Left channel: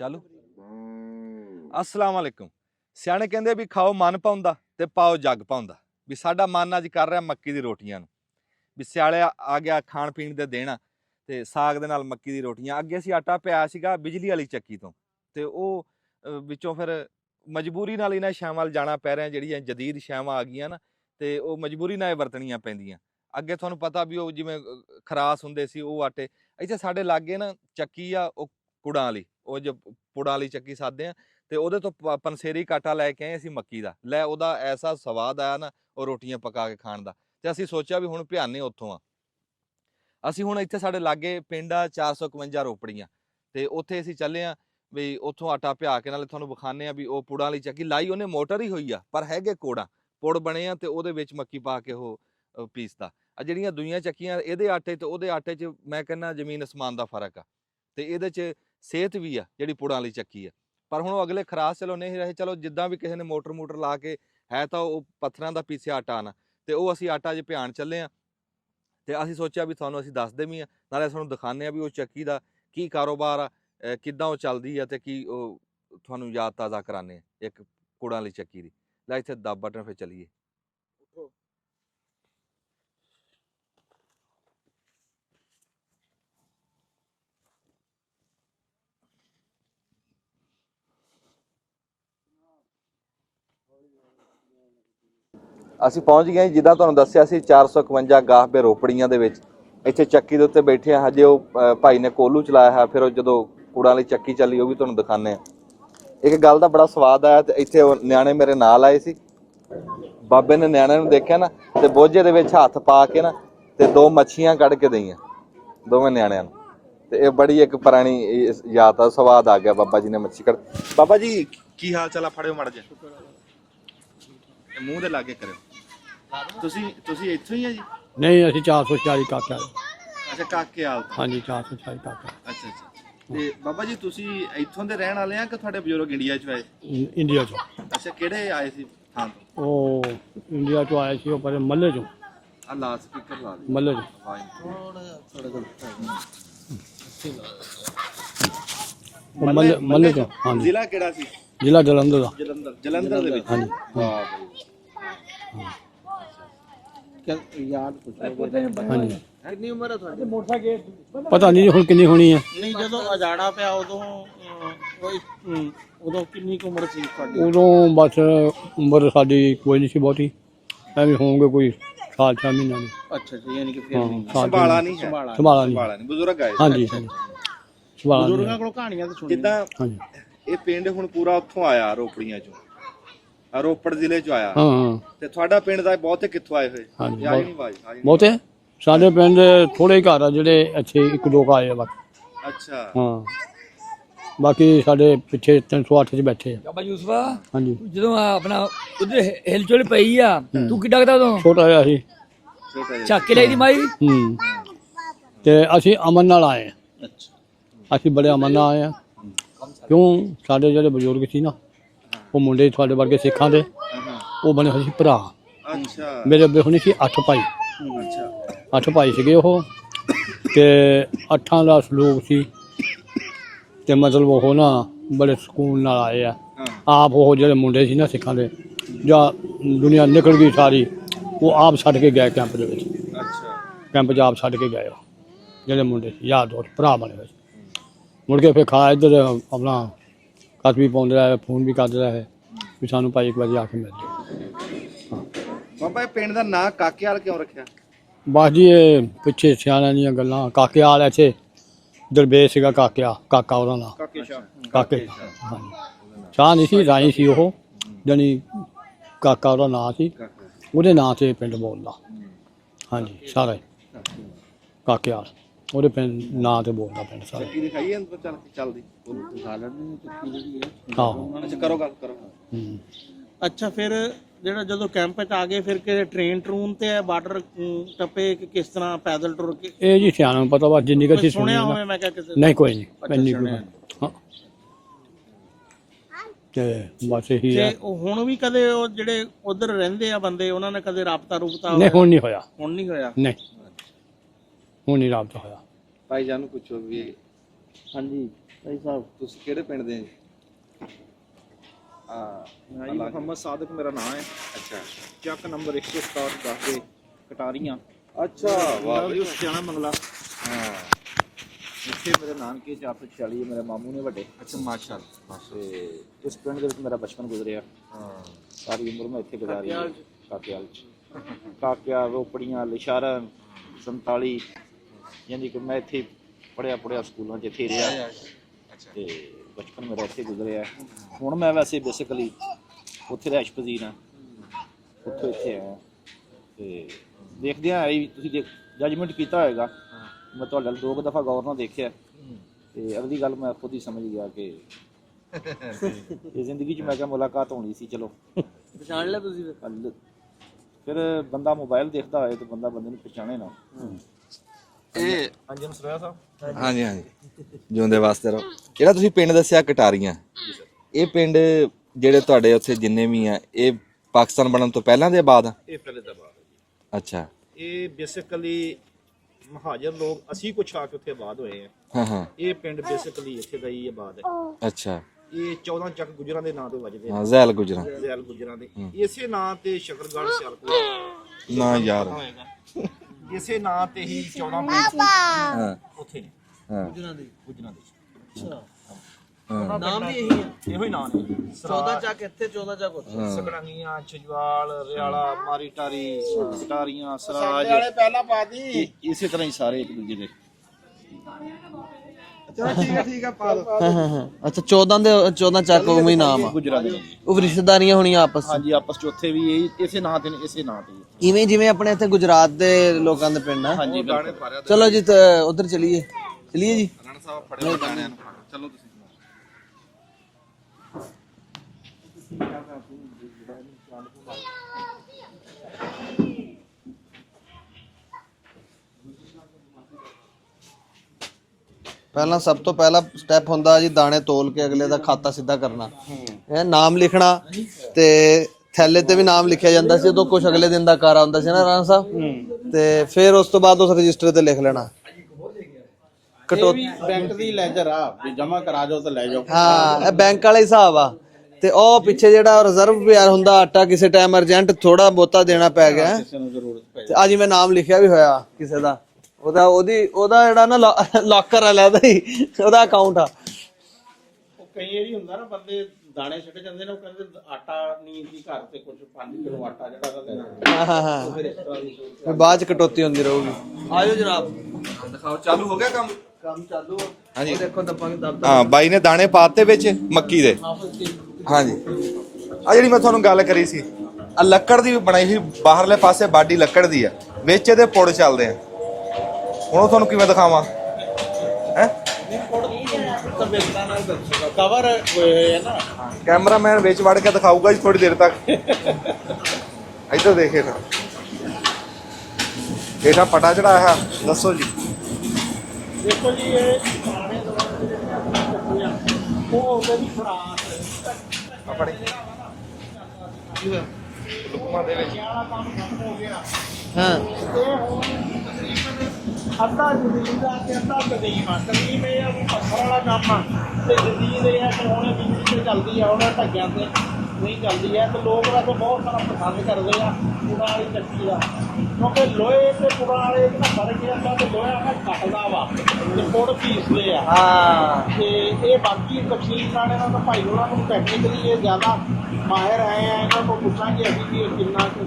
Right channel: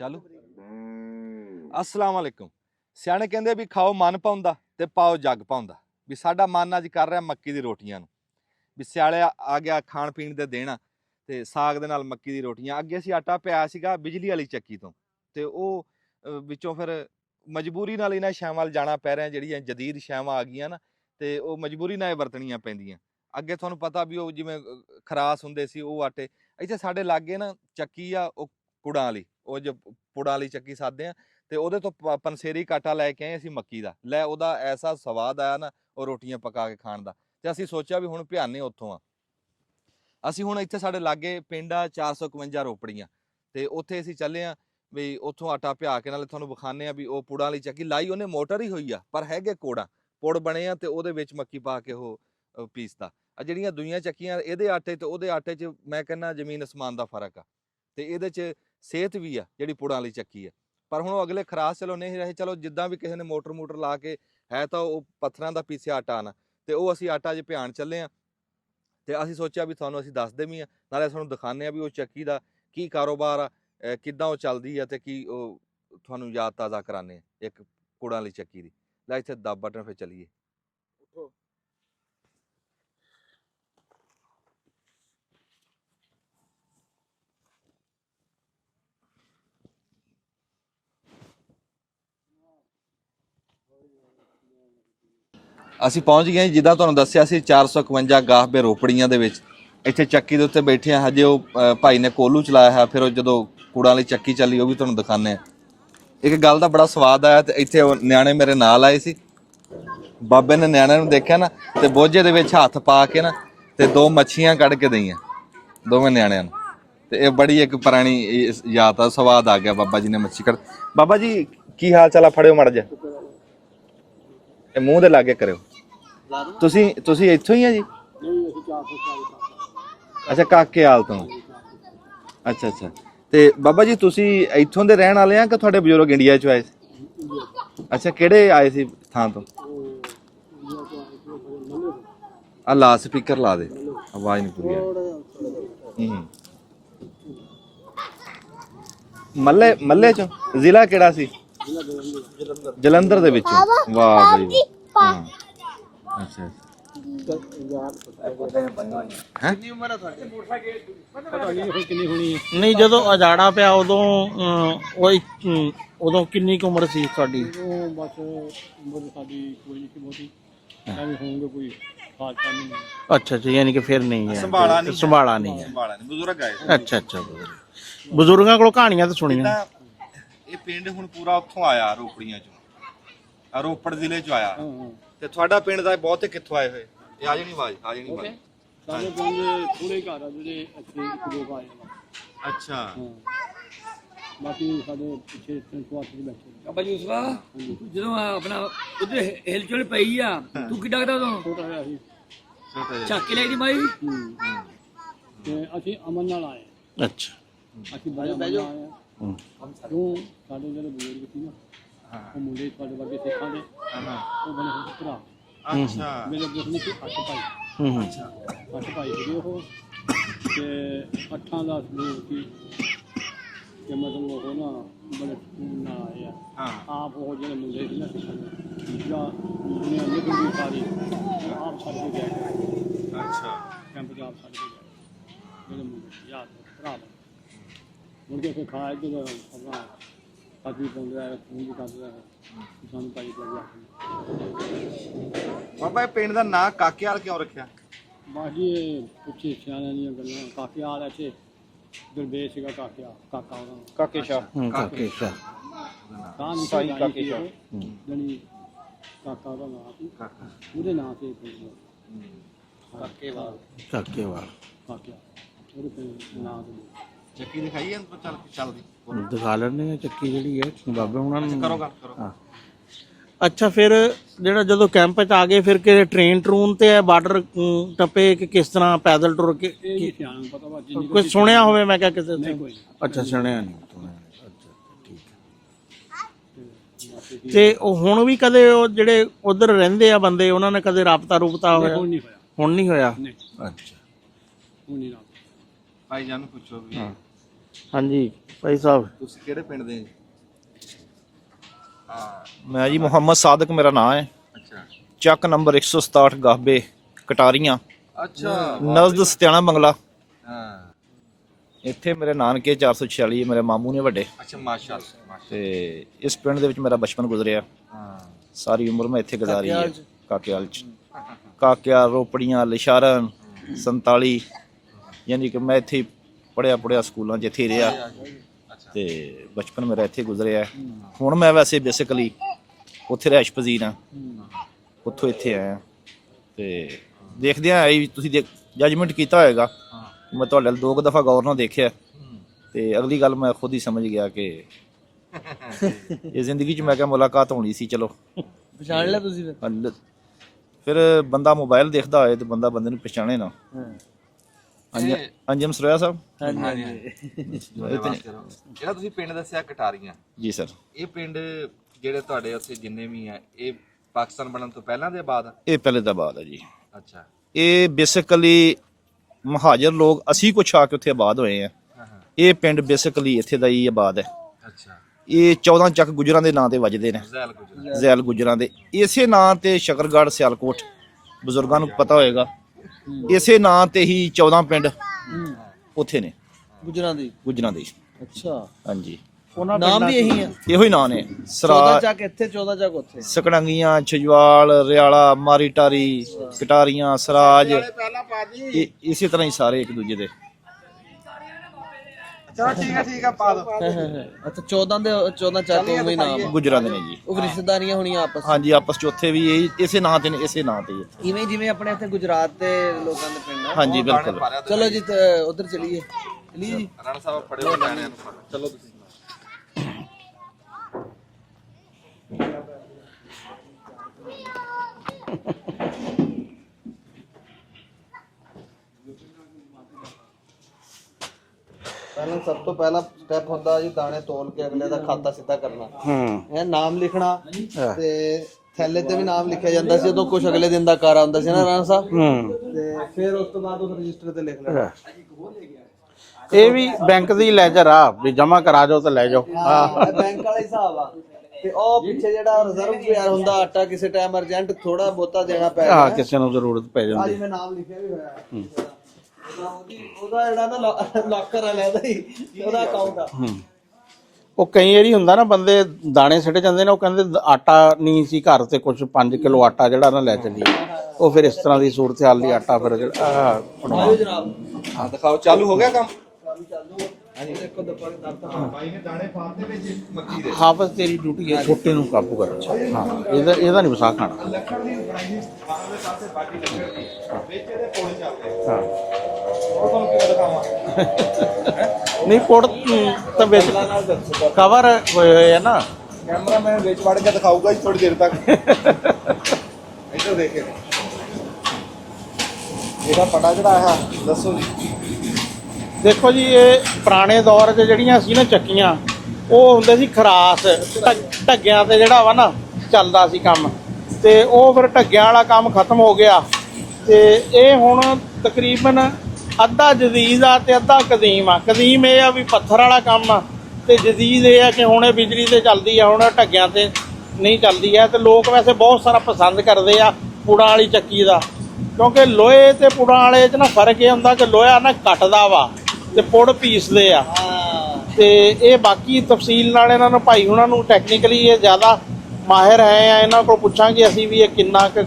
चलो अस्सलाम वालेकुम। सियाणे कहंदे भी खाओ मन पाउंदा ते पाओ जग पाउंदा। भी साडा मन अज कर रहा मक्की दी रोटियां भी सियाले आ गया खाण पीण दे देना ते साग दे नाल मक्की दी रोटियां। अगे असीं आटा पिया सीगा बिजली वाली चक्की तो ते ਉਹ ਵਿੱਚੋਂ ਫਿਰ ਮਜਬੂਰੀ ਨਾਲ ਇਹਨਾਂ ਸ਼ੈਵਾਂ ਵੱਲ ਜਾਣਾ ਪੈ ਰਿਹਾ। ਜਿਹੜੀਆਂ ਜਦੀਦ ਸ਼ੈਵਾਂ ਆ ਗਈਆਂ ਨਾ ਤੇ ਉਹ ਮਜਬੂਰੀ ਨਾਲ ਵਰਤਣੀਆਂ ਪੈਂਦੀਆਂ। ਅੱਗੇ ਤੁਹਾਨੂੰ ਪਤਾ ਵੀ ਉਹ ਜਿਵੇਂ ਖਰਾਸ ਹੁੰਦੇ ਸੀ ਉਹ ਆਟੇ। ਇੱਥੇ ਸਾਡੇ ਲਾਗੇ ਨਾ ਚੱਕੀ ਆ ਉਹ ਪੁੜਾਂ ਵਾਲੀ, ਉਹ ਜੋ ਪੁੜਾਂ ਵਾਲੀ ਚੱਕੀ ਸਾਦੇ ਆ ਤੇ ਉਹਦੇ ਤੋਂ ਪੰਸੇਰੀ ਕਾਟਾ ਲੈ ਕੇ ਆਏ ਅਸੀਂ ਮੱਕੀ ਦਾ। ਲੈ ਉਹਦਾ ਐਸਾ ਸਵਾਦ ਆਇਆ ਨਾ ਉਹ ਰੋਟੀਆਂ ਪਕਾ ਕੇ ਖਾਣ ਦਾ। ਤੇ ਅਸੀਂ ਸੋਚਿਆ ਵੀ ਹੁਣ ਭਿਆਨੇ ਉੱਥੋਂ ਆ। ਅਸੀਂ ਹੁਣ ਇੱਥੇ ਸਾਡੇ ਲਾਗੇ ਪਿੰਡ ਆ 451 ਰੋਪੜੀਆਂ ਤੇ ਉੱਥੇ ਅਸੀਂ ਚੱਲੇ ਆ ਵੀ ਉੱਥੋਂ ਆਟਾ ਪਿਆ ਕੇ ਨਾਲੇ ਤੁਹਾਨੂੰ ਵਿਖਾਉਂਦੇ ਆ ਵੀ ਉਹ ਪੁੜਾਂ ਵਾਲੀ ਚੱਕੀ ਲਾਈ ਉਹਨੇ ਮੋਟਰ ਹੀ ਹੋਈ ਆ ਪਰ ਹੈਗੇ ਕੋੜਾ ਪੁੜ ਬਣੇ ਆ ਤੇ ਉਹਦੇ ਵਿੱਚ ਮੱਕੀ ਪਾ ਕੇ ਉਹ ਪੀਸਦਾ। ਆ ਜਿਹੜੀਆਂ ਦੂਈਆਂ ਚੱਕੀਆਂ ਇਹਦੇ ਆਟੇ ਤੇ ਉਹਦੇ ਆਟੇ 'ਚ ਮੈਂ ਕਹਿੰਦਾ ਜ਼ਮੀਨ ਅਸਮਾਨ ਦਾ ਫਰਕ ਆ। ਤੇ ਇਹਦੇ 'ਚ ਸਿਹਤ ਵੀ ਆ ਜਿਹੜੀ ਪੁੜਾਂ ਵਾਲੀ ਚੱਕੀ ਆ। ਪਰ ਹੁਣ ਉਹ ਅਗਲੇ ਖਰਾਸ ਚਲੋ ਨਹੀਂ ਰਹੇ, ਚਲੋ ਜਿੱਦਾਂ ਵੀ ਕਿਸੇ ਨੇ ਮੋਟਰ ਲਾ ਕੇ ਹੈ ਤਾਂ ਉਹ ਪੱਥਰਾਂ ਦਾ ਪੀਸਿਆ ਆਟਾ ਨਾ ਤੇ ਉਹ ਅਸੀਂ ਆਟਾ ਜੇ ਭਿਆਨ ਚੱਲੇ ਆ। ਤੇ ਅਸੀਂ ਸੋਚਿਆ ਵੀ ਤੁਹਾਨੂੰ ਅਸੀਂ ਦੱਸਦੇ ਵੀ ਆ ਨਾਲੇ ਤੁਹਾਨੂੰ ਦਿਖਾਉਂਦੇ ਆ ਵੀ ਉਹ ਚੱਕੀ ਦਾ ਕੀ ਕਾਰੋਬਾਰ ਆ, ਕਿੱਦਾਂ ਉਹ ਚੱਲਦੀ ਆ ਤੇ ਕੀ ਉਹ ਤੁਹਾਨੂੰ ਯਾਦ ਤਾਜ਼ਾ ਕਰਾਉਂਦੇ ਆ ਇੱਕ ਕੁੜਾਂ ਵਾਲੀ ਚੱਕੀ ਦੀ। ਲੈ ਇੱਥੇ ਦੱਬ ਬਟਨ ਫਿਰ ਚੱਲੀਏ। ਅਸੀਂ ਪਹੁੰਚ ਗਏ ਜਿੱਦਾਂ ਤੁਹਾਨੂੰ ਦੱਸਿਆ ਸੀ 451 ਗਾਹਬੇ ਰੋਪੜੀਆਂ ਦੇ ਵਿੱਚ। ਇੱਥੇ ਚੱਕੀ ਦੇ ਉੱਤੇ ਬੈਠੇ ਆ। ਹਜੇ ਉਹ ਭਾਈ ਨੇ ਕੋਲੂ ਚਲਾਇਆ ਹੈ। ਫਿਰ ਉਹ ਜਦੋਂ ਕੂੜਾਂ ਵਾਲੀ ਚੱਕੀ ਚੱਲੀ ਉਹ ਵੀ ਤੁਹਾਨੂੰ ਦਿਖਾਉਂਦੇ ਆ। ਇੱਕ ਗੱਲ ਦਾ ਬੜਾ ਸਵਾਦ ਆਇਆ ਤੇ ਇੱਥੇ ਉਹ ਨਿਆਣੇ ਮੇਰੇ ਨਾਲ ਆਏ ਸੀ। ਬਾਬੇ ਨੇ ਨਿਆਣਿਆਂ ਨੂੰ ਦੇਖਿਆ ਨਾ ਤੇ ਬੋਝੇ ਦੇ ਵਿੱਚ ਹੱਥ ਪਾ ਕੇ ਨਾ ਤੇ 2 ਮੱਛੀਆਂ ਕੱਢ ਕੇ ਦਈਆਂ ਦੋਵੇਂ ਨਿਆਣਿਆਂ ਨੂੰ। ਤੇ ਇਹ ਬੜੀ ਇੱਕ ਪੁਰਾਣੀ ਯਾਦ ਆ, ਸਵਾਦ ਆ ਗਿਆ ਬਾਬਾ ਜੀ ਨੇ ਮੱਛੀ ਕੱਢ। ਬਾਬਾ ਜੀ ਕੀ ਹਾਲ ਚਾਲ ਆ? ਫੜਿਓ ਮੜ ਜਾ ਇਹ ਮੂੰਹ ਦੇ ਲਾਗੇ ਕਰਿਓ। ਤੁਸੀਂ ਇੱਥੋਂ ਹੀ ਆ ਜੀ? ਨਹੀਂ ਅਸੀਂ 440 ਕਾਕਾ। ਅੱਛਾ ਕਾਕੇਵਾਲ ਤੋਂ। ਹਾਂਜੀ 440 ਕਾਕਾ। ਅੱਛਾ ਤੇ ਬਾਬਾ ਜੀ ਤੁਸੀਂ ਇੱਥੋਂ ਦੇ ਰਹਿਣ ਵਾਲੇ ਆ ਕਿ ਤੁਹਾਡੇ ਬਜ਼ੁਰਗ ਇੰਡੀਆ ਚੋਂ ਆਏ ਸੀ? ਇੰਡੀਆ ਚੋਂ। ਅੱਛਾ ਕਿਹੜੇ ਆਏ ਸੀ ਥਾਂ ਤੋਂ? ਉਹ ਇੰਡੀਆ ਚੋਂ ਆਏ ਸੀ ਉਹ ਪਰ ਮੱਲੇ ਚੋਂ। ਆ ਲਾ ਸਪੀਕਰ ਲਾ ਦੇ, ਮੱਲੇ ਚੋਂ ਆਵਾਜ਼ ਨਹੀਂ ਪੂਰੀ। ਮੱਲੇ ਚੋਂ। ਜ਼ਿਲ੍ਹਾ ਕਿਹੜਾ ਸੀ? ਜ਼ਿਲ੍ਹਾ ਜਲੰਧਰ ਦਾ। ਜਲੰਧਰ ਦੇ ਵਿੱਚ। ਵਾਹ ਬਈ ਅੱਛਾ। ਕਿੰਨੀ ਉਮਰ ਆ ਤੁਹਾਡੀ? ਪਤਾ ਨਹੀਂ ਹੁਣ ਕਿੰਨੀ ਹੋਣੀ ਹੈ। ਨਹੀਂ ਜਦੋਂ ਅਜਾੜਾ ਪਿਆ ਉਦੋਂ ਕਿੰਨੀ ਕੁ ਉਮਰ ਸੀ ਤੁਹਾਡੀ? ਉਦੋਂ ਬਸ ਉਮਰ ਸਾਡੀ ਕੋਈ ਨਹੀਂ ਸੀ ਬਹੁਤੀ, ਐਵੇਂ ਹੋਣਗੇ ਕੋਈ ਸਾਲ 6 ਮਹੀਨਿਆਂ ਦੇ। ਅੱਛਾ ਯਾਨੀ ਕਿ ਫਿਰ ਨਹੀਂ ਸੰਭਾਲਾ ਨਹੀਂ ਬਜ਼ੁਰਗ ਆਏ। ਅੱਛਾ ਬਜ਼ੁਰਗਾਂ ਕੋਲੋਂ ਕਹਾਣੀਆਂ ਤਾਂ ਸੁਣੀਆਂ। ਹਾਂਜੀ ਇਹ ਪਿੰਡ ਹੁਣ ਪੂਰਾ ਉੱਥੋਂ ਆਇਆ ਰੋਪੜੀਆਂ ਚੋਂ, ਰੋਪੜ ਜ਼ਿਲ੍ਹੇ ਚੋਂ ਆਇਆ। ਹਾਂ ਤੇ ਤੁਹਾਡਾ ਪਿੰਡ ਦਾ ਬਹੁਤੇ ਕਿੱਥੋਂ ਆਏ ਹੋਏ? ਹਾਂਜੀ ਆ ਜਣੀ ਆਵਾਜ਼ ਬਹੁਤੇ ਸਾਡੇ ਪਿੰਡ ਥੋੜੇ ਹੀ ਘਰ ਆ ਜਿਹੜੇ ਇੱਥੇ 1-2 ਆਏ ਆ ਬਾਕੀ। ਅੱਛਾ ਹਾਂ ਬਾਕੀ ਸਾਡੇ ਪਿੱਛੇ 308 ਚ ਬੈਠੇ ਆ। ਬਾਬਾ ਜੀ ਉਸਵਾ ਹਾਂਜੀ ਜਦੋਂ ਆਪਣਾ ਉਹਦੇ ਹਿਲਚੁਲ ਪਈ ਆ ਤੂੰ ਕਿੱਡਾ ਕਦਾ ਉਦੋਂ ਛੋਟਾ ਜਿਹਾ ਸੀ। ਚੱਕ ਕੇ ਲੈ ਦੀ ਮਾਈ। ਤੇ ਅਸੀਂ ਅਮਨ ਨਾਲ ਆਏ ਆ। ਅੱਛਾ ਅਸੀਂ ਬੜੇ ਅਮਨ ਨਾਲ ਆਏ ਆ ਕਿਉਂ ਸਾਡੇ ਜਿਹੜੇ ਬਜ਼ੁਰਗ ਸੀ ਨਾ ਉਹ ਮੁੰਡੇ ਤੁਹਾਡੇ ਵਰਗੇ ਸਿੱਖਾਂ ਦੇ ਉਹ ਬਣੇ ਹੋਏ ਸੀ ਭਰਾ। ਅੱਛਾ ਮੇਰੇ ਅੱਗੇ ਹੋਣੇ ਸੀ 8 ਭਾਈ। ਅੱਛਾ 8 ਭਾਈ ਸੀਗੇ ਉਹ ਤੇ 8 ਦਾ ਸਲੂਕ ਸੀ ਤੇ ਮਤਲਬ ਉਹ ਨਾ ਬੜੇ ਸਕੂਨ ਨਾਲ ਆਏ ਆ। ਆਪ ਉਹ ਜਿਹੜੇ ਮੁੰਡੇ ਸੀ ਨਾ ਸਿੱਖਾਂ ਦੇ ਜਾਂ ਦੁਨੀਆ ਨਿਕਲ ਗਈ ਸਾਰੀ ਉਹ ਆਪ ਛੱਡ ਕੇ ਗਏ ਕੈਂਪ ਦੇ ਵਿੱਚ। ਅੱਛਾ ਕੈਂਪ 'ਚ ਆਪ ਛੱਡ ਕੇ ਗਏ ਉਹ ਜਿਹੜੇ ਮੁੰਡੇ ਸੀ ਯਾਰ ਦੋਸਤ ਭਰਾ ਬਣੇ ਹੋਏ। ਮੁੜ ਕੇ ਫਿਰ ਖਾ ਇੱਧਰ ਆਪਣਾ ਖਤ ਵੀ ਪਾਉਂਦੇ ਰਹੇ, ਫੋਨ ਵੀ ਕਰਦੇ ਰਹੇ ਵੀ ਸਾਨੂੰ ਭਾਈ ਇੱਕ ਵਾਰੀ ਆ ਕੇ ਮਿਲ ਜਾਓ। ਬਾਬਾ ਇਹ ਪਿੰਡ ਦਾ ਨਾਂ ਕਾਕੇਵਾਲ ਕਿਉਂ ਰੱਖਿਆ? ਬਸ ਜੀ ਇਹ ਪਿੱਛੇ ਸਿਆਣਿਆਂ ਦੀਆਂ ਗੱਲਾਂ। ਕਾਕੇਵਾਲ ਇੱਥੇ ਦਰਵੇਸ਼ ਸੀਗਾ ਕਾਕਾ ਉਹਦਾ ਨਾਂ ਕਾਕੇ ਸ਼ਾਹ ਨਹੀਂ ਸੀ, ਰਾਈ ਸੀ ਉਹ ਜਾਣੀ ਕਾਕਾ ਉਹਦਾ ਨਾਂ ਸੀ। ਉਹਦੇ ਨਾਂ ਤੇ ਪਿੰਡ ਬੋਲਦਾ। ਹਾਂਜੀ ਸਾਰਾ ਕਾਕੇਵਾਲ ਉਹਦੇ ਪਿੰਡ ਨਾਂ ਤੇ ਬੋਲਦਾ ਪਿੰਡ ਸਾਰਾ। ਚੱਕੀ ਦਿਖਾਈਏ ਅੰਦਰ ਚੱਲਦੀ ਦਿਖਾ ਲੈਣੇ ਆ ਚੱਕੀ ਜਿਹੜੀ ਹੈ ਉਹਨਾਂ ਨੂੰ। ਕਰੋ ਗੱਲ ਕਰੋ। ਅੱਛਾ ਫਿਰ ਜਿਹੜਾ ਜਦੋਂ ਕੈਂਪ 'ਚ ਆ ਗਏ ਫਿਰ ਕਿਹੜੇ ਟ੍ਰੇਨ ਟਰੂਨ ਤੇ ਬਾਰਡਰ ਟੱਪੇ ਕਿ ਕਿਸ ਤਰ੍ਹਾਂ ਪੈਦਲ ਟੁਰ ਕੇ? ਇਹ ਜੀ ਸਿਆਣਾ ਨੂੰ ਪਤਾ ਵਾ ਜਿੰਨੀ ਕੁ ਅਸੀਂ ਸੁਣਿਆ ਹੋਵੇ ਮੈਂ ਕਿਹਾ ਕਿਸੇ ਨਹੀਂ ਕੋਈ ਨਹੀਂ। ਅੱਛਾ ਸੁਣਿਆ ਨਹੀਂ। ਤੇ ਬਸ ਇਹੀ ਤੇ ਹੁਣ ਵੀ ਕਦੇ ਉਹ ਜਿਹੜੇ ਉਧਰ ਰਹਿੰਦੇ ਆ ਬੰਦੇ ਉਹਨਾਂ ਨੇ ਕਦੇ ਰਾਬਤਾ ਨਹੀਂ ਹੁਣ ਨਹੀਂ ਹੋਇਆ। ਹੁਣ ਨਹੀਂ ਹੋਇਆ? ਨਹੀਂ ਅੱਛਾ ਹੁਣ ਨਹੀਂ ਰਾਬਤਾ ਹੋਇਆ। ਭਾਈ ਜਾਨ ਨੂੰ ਪੁੱਛੋ ਵੀ ਹਾਂਜੀ ਭਾਈ ਸਾਹਿਬ। ਤੁਸੀਂ ਕਿਹੜੇ ਪਿੰਡ ਦੇ? ਮੈਂ ਜੀ ਮੁਹੰਮਦ ਸਾਦਕ ਮੇਰਾ ਨਾਮ ਹੈ। ਅੱਛਾ ਚੱਕ ਨੰਬਰ 167 ਗਾਬੇ ਕਟਾਰੀਆਂ ਅੱਛਾ ਨਜ਼ਦ ਸਤਿਆਣਾ ਬੰਗਲਾ। ਹਾਂ ਇੱਥੇ ਮੇਰੇ ਨਾਨਕੇ 446 ਮੇਰੇ ਮਾਮੂ ਨੇ ਵੱਡੇ। ਅੱਛਾ ਮਾਸ਼ਾਅੱਲਾ। ਤੇ ਇਸ ਪਿੰਡ ਦੇ ਵਿੱਚ ਮੇਰਾ ਬਚਪਨ ਗੁਜ਼ਰਿਆ। ਹਾਂ ਸਾਰੀ ਉਮਰ ਮੈਂ ਇੱਥੇ ਗੁਜ਼ਾਰੀ ਹੈ। ਕਾਕਿਆਲ ਚ ਕਾਕਿਆਲ, ਰੋਪੜੀਆਂ, ਲਿਸ਼ਾਰਨ, 47, ਯਾਨੀ ਕਿ ਮੈਂ ਇੱਥੇ ਪੜਿਆ ਸਕੂਲਾਂ 'ਚ ਇੱਥੇ ਰਿਹਾ ਤੇ ਬਚਪਨ ਮੇਰਾ ਇੱਥੇ ਗੁਜ਼ਰਿਆ। ਹੁਣ ਮੈਂ ਵੈਸੇ ਬੇਸਿਕਲੀ ਉੱਥੇ ਰਿਹਾਇਸ਼ ਪਜ਼ੀਰ ਹਾਂ, ਉੱਥੋਂ ਇੱਥੇ ਆਇਆ ਤੇ ਦੇਖਦੇ ਆ ਤੁਸੀਂ ਜੱਜਮੈਂਟ ਕੀਤਾ ਹੋਏਗਾ। ਮੈਂ ਤੁਹਾਡੇ ਨਾਲ 2 ਦਫਾ ਗੌਰ ਨਾਲ ਦੇਖਿਆ ਤੇ ਅਗਲੀ ਗੱਲ ਮੈਂ ਖੁਦ ਹੀ ਸਮਝ ਗਿਆ ਕਿ ਇਹ ਜ਼ਿੰਦਗੀ 'ਚ ਮੈਂ ਕਿਹਾ ਮੁਲਾਕਾਤ ਹੋਣੀ ਸੀ। ਚਲੋ ਪਛਾਣ ਲਿਆ ਤੁਸੀਂ ਫਿਰ ਬੰਦਾ ਮੋਬਾਈਲ ਦੇਖਦਾ ਹੋਏ ਤੇ ਬੰਦੇ ਨੂੰ ਪਛਾਣੇ ਨਾ। ਅੰਜਮ ਸਰੋਇਆ ਸਾਹਿਬ। ਹਾਂਜੀ ਹਾਂਜੀ ਜਿਉਂਦੇ ਵਾਸਤੇ ਰਹੋ। ਜਿਹੜਾ ਤੁਸੀਂ ਪਿੰਡ ਦੱਸਿਆ ਕਟਾਰੀਆਂ, ਜੀ ਸਰ, ਇਹ ਪਿੰਡ ਜਿਹੜੇ ਤੁਹਾਡੇ ਉੱਥੇ ਜਿੰਨੇ ਵੀ ਆ ਇਹ ਪਾਕਿਸਤਾਨ ਬਣਨ ਤੋਂ ਪਹਿਲਾਂ ਦੇ ਬਾਅਦ? ਇਹ ਪਹਿਲੇ ਦਾ ਬਾਅਦ ਹੈ ਜੀ। ਅੱਛਾ ਇਹ ਬੇਸਿਕਲੀ ਮਹਾਜਰ ਲੋਕ ਅਸੀਂ ਕੁਛ ਆ ਕੇ ਉੱਥੇ ਆਬਾਦ ਹੋਏ ਆ। ਹਾਂ ਹਾਂ ਇਹ ਪਿੰਡ ਬੇਸਿਕਲੀ ਇੱਥੇ ਦਾ ਹੀ ਆਬਾਦ ਹੈ। ਅੱਛਾ ਇਹ 14 ਚੱਕ ਗੁਜਰਾਂ ਦੇ ਨਾਂ ਤੇ ਵੱਜਦੇ ਨੇ। ਜ਼ੈਲ ਗੁਜਰਾਂ। ਜ਼ੈਲ ਗੁਜਰਾਂ ਦੇ ਇਸੇ ਨਾਂ ਤੇ ਸ਼ਕਰਗੜ੍ਹ, ਸਿਆਲਕੋਟ ਬਜ਼ੁਰਗਾਂ ਨੂੰ ਪਤਾ ਹੋਏਗਾ। ਇਸੇ ਨਾਂ ਤੇ ਹੀ 14 ਪਿੰਡ ਉੱਥੇ ਨੇ ਗੁਜਰਾਂ ਦੀ। ਗੁਜਰਾਂ ਦੇ। ਅੱਛਾ ਹਾਂਜੀ ਨਾਮ ਵੀ ਇਹੀ ਆ? ਇਹੋ ਹੀ ਨਾਂ ਨੇ। 14 ਚੱਕ ਇੱਥੇ, 14 ਚੱਕ ਉੱਥੇ। ਸਕੜੰਗੀਆਂ, ਛਜਵਾਲ, ਰਿਆਲਾ, ਮਾਰੀ ਟਾਰੀ, ਕਟਾਰੀਆਂ, ਸਰਾਜ, ਇਸੇ ਤਰ੍ਹਾਂ ਹੀ ਸਾਰੇ ਇੱਕ ਦੂਜੇ ਦੇ। ਚਲੋ ਠੀਕ ਆ ਪਾ ਦੋ। ਅੱਛਾ 14 ਚੱਕ ਉਹ ਹੀ ਨਾਮ ਆ। ਗੁਜਰਾਂ ਦੇ ਨੇ ਜੀ। ਉਹ ਰਿਸ਼ਤੇਦਾਰੀਆਂ ਹੋਣੀਆਂ ਆਪਸ ਹਾਂਜੀ ਆਪਸ ਚ ਉੱਥੇ ਵੀ ਇਸੇ ਨਾਂ ਤੇ ਨੇ, ਇਸੇ ਨਾਂ ਤੇ ਹੀ ਇੱਥੇ। ਇਵੇਂ ਜਿਵੇਂ ਆਪਣੇ ਇੱਥੇ ਗੁਜਰਾਤ ਦੇ ਲੋਕਾਂ ਦੇ ਪਿੰਡ ਆ। ਹਾਂਜੀ ਬਿਲਕੁਲ। ਚਲੋ ਜੀ ਉਧਰ ਚਲੀਏ ਜੀ। ਰਾਣਾ ਸਾਹਿਬ ਫੜੇ ਹੋਏ ਨਿਆਣਿਆਂ ਨੂੰ। ਚਲੋ ਤੁਸੀਂ ਪਹਿਲਾਂ ਸਭ ਤੋਂ ਪਹਿਲਾ ਸਟੈਪ ਹੁੰਦਾ ਜੀ ਦਾਣੇ ਤੋਲ ਕੇ ਅਗਲੇ ਦਾ ਖਾਤਾ ਸਿੱਧਾ ਕਰਨਾ। ਇਹ ਨਾਮ ਲਿਖਣਾ ਤੇ ਥੈਲੇ ਤੇ ਵੀ ਨਾਮ ਲਿਖਿਆ ਜਾਂਦਾ ਸੀ ਉਦੋਂ ਕੁਝ ਅਗਲੇ ਦਿਨ ਦਾ ਕਾਰਾ ਹੁੰਦਾ ਸੀ ਨਾ ਰਾਣਾ ਸਾਹਿਬ। ਤੇ ਫਿਰ ਉਸ ਤੋਂ ਬਾਅਦ ਉਸ ਰਜਿਸਟਰ ਤੇ ਲਿਖ ਲੈਣਾ। ਇਹ ਵੀ ਬੈਂਕ ਦੀ ਲੈਜਰ ਆ ਵੀ ਜਮਾ ਕਰਾ ਜਾਓ ਤੇ ਲੈ ਜਾਓ। ਹਾਂ ਇਹ ਬੈਂਕ ਵਾਲਾ ਹਿਸਾਬ ਆ। ਤੇ ਉਹ ਪਿੱਛੇ ਜਿਹੜਾ ਰਿਜ਼ਰਵ ਪਿਆਰ ਹੁੰਦਾ ਆਟਾ ਕਿਸੇ ਟਾਈਮ ਅਰਜੈਂਟ ਥੋੜਾ ਬਹੁਤਾ ਦੇਣਾ ਪੈ ਗਿਆ। ਕਿਸੇ ਨੂੰ ਜ਼ਰੂਰਤ ਪੈ ਆ ਜਾਂਦੀ। ਜਿਵੇਂ ਨਾਮ ਲਿਖਿਆ ਵੀ ਹੋਇਆ ਕਿਸੇ ਦਾ, ਉਹਦਾ ਜਿਹੜਾ ਨਾ ਲਾਕਰ ਆ ਲੈਦਾ ਹੀ ਉਹਦਾ ਅਕਾਊਂਟ ਆ। ਉਹ ਕਈ ਵਾਰੀ ਹੁੰਦਾ ਨਾ ਬੰਦੇ ਦਾਣੇ ਸਿੱਟ ਜਾਂਦੇ ਨੇ, ਉਹ ਕਹਿੰਦੇ ਆਟਾ ਨਹੀਂ ਸੀ ਘਰ ਤੇ ਕੁਝ 5 ਕਿਲੋ ਆਟਾ ਜਿਹੜਾ ਨਾ ਲੈ ਚੱਲੀਏ। ਉਹ ਫਿਰ ਇਸ ਤਰ੍ਹਾਂ ਦੀ ਸੂਰਤ ਹਾਲ ਬਾਅਦ ਚ ਕਟੌਤੀ ਹੁੰਦੀ ਹੈ। ਆਇਓ ਜਨਾਬ ਆ ਦਿਖਾਓ ਚਾਲੂ ਹੋ ਗਿਆ ਕੰਮ ਚਾਲੂ। ਹਾਂਜੀ ਦੇਖੋ ਦੱਪਾ ਵੀ ਦਰਦ। ਹਾਂ ਬਾਈ ਨੇ ਦਾਣੇ ਪਾਤੇ ਵਿੱਚ ਮੱਕੀ ਦੇ। ਹਾਫਜ਼ ਤੇਰੀ ਡਿਊਟੀ ਹੈ ਛੋਟੇ ਨੂੰ ਕਾਬੂ ਕਰੋ। ਆ ਜਿਹੜੀ ਮੈਂ ਤੁਹਾਨੂੰ ਗੱਲ ਕਰੀ ਸੀ ਇਹਦਾ ਨਹੀਂ ਵਸਾ ਖਾਣਾ। ਆ ਲੱਕੜ ਦੀ ਬਣਾਈ ਸੀ, ਬਾਹਰਲੇ ਪਾਸੇ ਬਾਡੀ ਲੱਕੜ ਦੀ ਆ, ਵਿੱਚ ਇਹਦੇ ਪੁੜ ਚੱਲਦੇ ਆ। ਹੁਣ ਉਹ ਤੁਹਾਨੂੰ ਕਿਵੇਂ ਦਿਖਾਵਾਂ? ਨਹੀਂ ਪੁੜ ਤਾਂ ਵਿੱਚ ਕਵਰ ਹੋਏ ਹੋਏ ਆ ਨਾ। ਕੈਮਰਾਮੈਨ ਵਿੱਚ ਵੜ ਕੇ ਦਿਖਾਊਗਾ ਜੀ ਥੋੜੀ ਦੇਰ ਤੱਕ। ਇੱਧਰ ਦੇਖੇ ਨਾ ਇਹਦਾ ਪਟਾ ਚੜਾਇਆ। ਦੱਸੋ ਜੀ। ਦੇਖੋ ਜੀ ਇਹ ਪੁਰਾਣੇ ਦੌਰ 'ਚ ਜਿਹੜੀਆਂ ਸੀ ਨਾ ਚੱਕੀਆਂ, ਉਹ ਹੁੰਦੇ ਸੀ ਖਰਾਸ ਢੱਗਿਆਂ ਤੇ ਜਿਹੜਾ ਵਾ ਨਾ ਚੱਲਦਾ ਸੀ ਕੰਮ। ਤੇ ਉਹ ਫਿਰ ਢੱਗਿਆਂ ਵਾਲਾ ਕੰਮ ਖਤਮ ਹੋ ਗਿਆ ਤੇ ਇਹ ਹੁਣ ਤਕਰੀਬਨ ਅੱਧਾ ਜਦੀਦ ਆ ਤੇ ਅੱਧਾ ਕਦੀਮ ਆ। ਕਦੀਮ ਇਹ ਆ ਵੀ ਪੱਥਰ ਵਾਲਾ ਕੰਮ ਆ ਤੇ ਜਦੀਦ ਇਹ ਆ ਕਿ ਹੁਣ ਇਹ ਬਿਜਲੀ ਤੇ ਚੱਲਦੀ ਆ, ਹੁਣ ਢੱਗਿਆਂ ਤੇ ਨਹੀਂ ਚੱਲਦੀ ਹੈ। ਤੇ ਲੋਕ ਵੈਸੇ ਬਹੁਤ ਸਾਰਾ ਪਸੰਦ ਕਰਦੇ ਆ ਪੁੜਾਂ ਵਾਲੀ ਚੱਕੀ ਦਾ, ਕਿਉਂਕਿ ਲੋਹੇ ਤੇ ਪੁੜਾਂ ਵਾਲੇ 'ਚ ਨਾ ਫਰਕ ਇਹ ਹੁੰਦਾ ਕਿ ਲੋਹਾ ਨਾ ਕੱਟਦਾ ਵਾ ਤੇ ਪੁੜ ਪੀਸਦੇ ਆ। ਤੇ ਇਹ ਬਾਕੀ ਤਫਸੀਲ ਨਾਲ ਇਹਨਾਂ ਨੂੰ ਭਾਈ ਉਹਨਾਂ ਨੂੰ ਟੈਕਨੀਕਲੀ ਇਹ ਜ਼ਿਆਦਾ ਮਾਹਿਰ ਹੈ ਆ, ਇਹਨਾਂ ਕੋਲ ਪੁੱਛਾਂਗੇ ਅਸੀਂ ਵੀ ਇਹ ਕਿੰਨਾ ਕੁ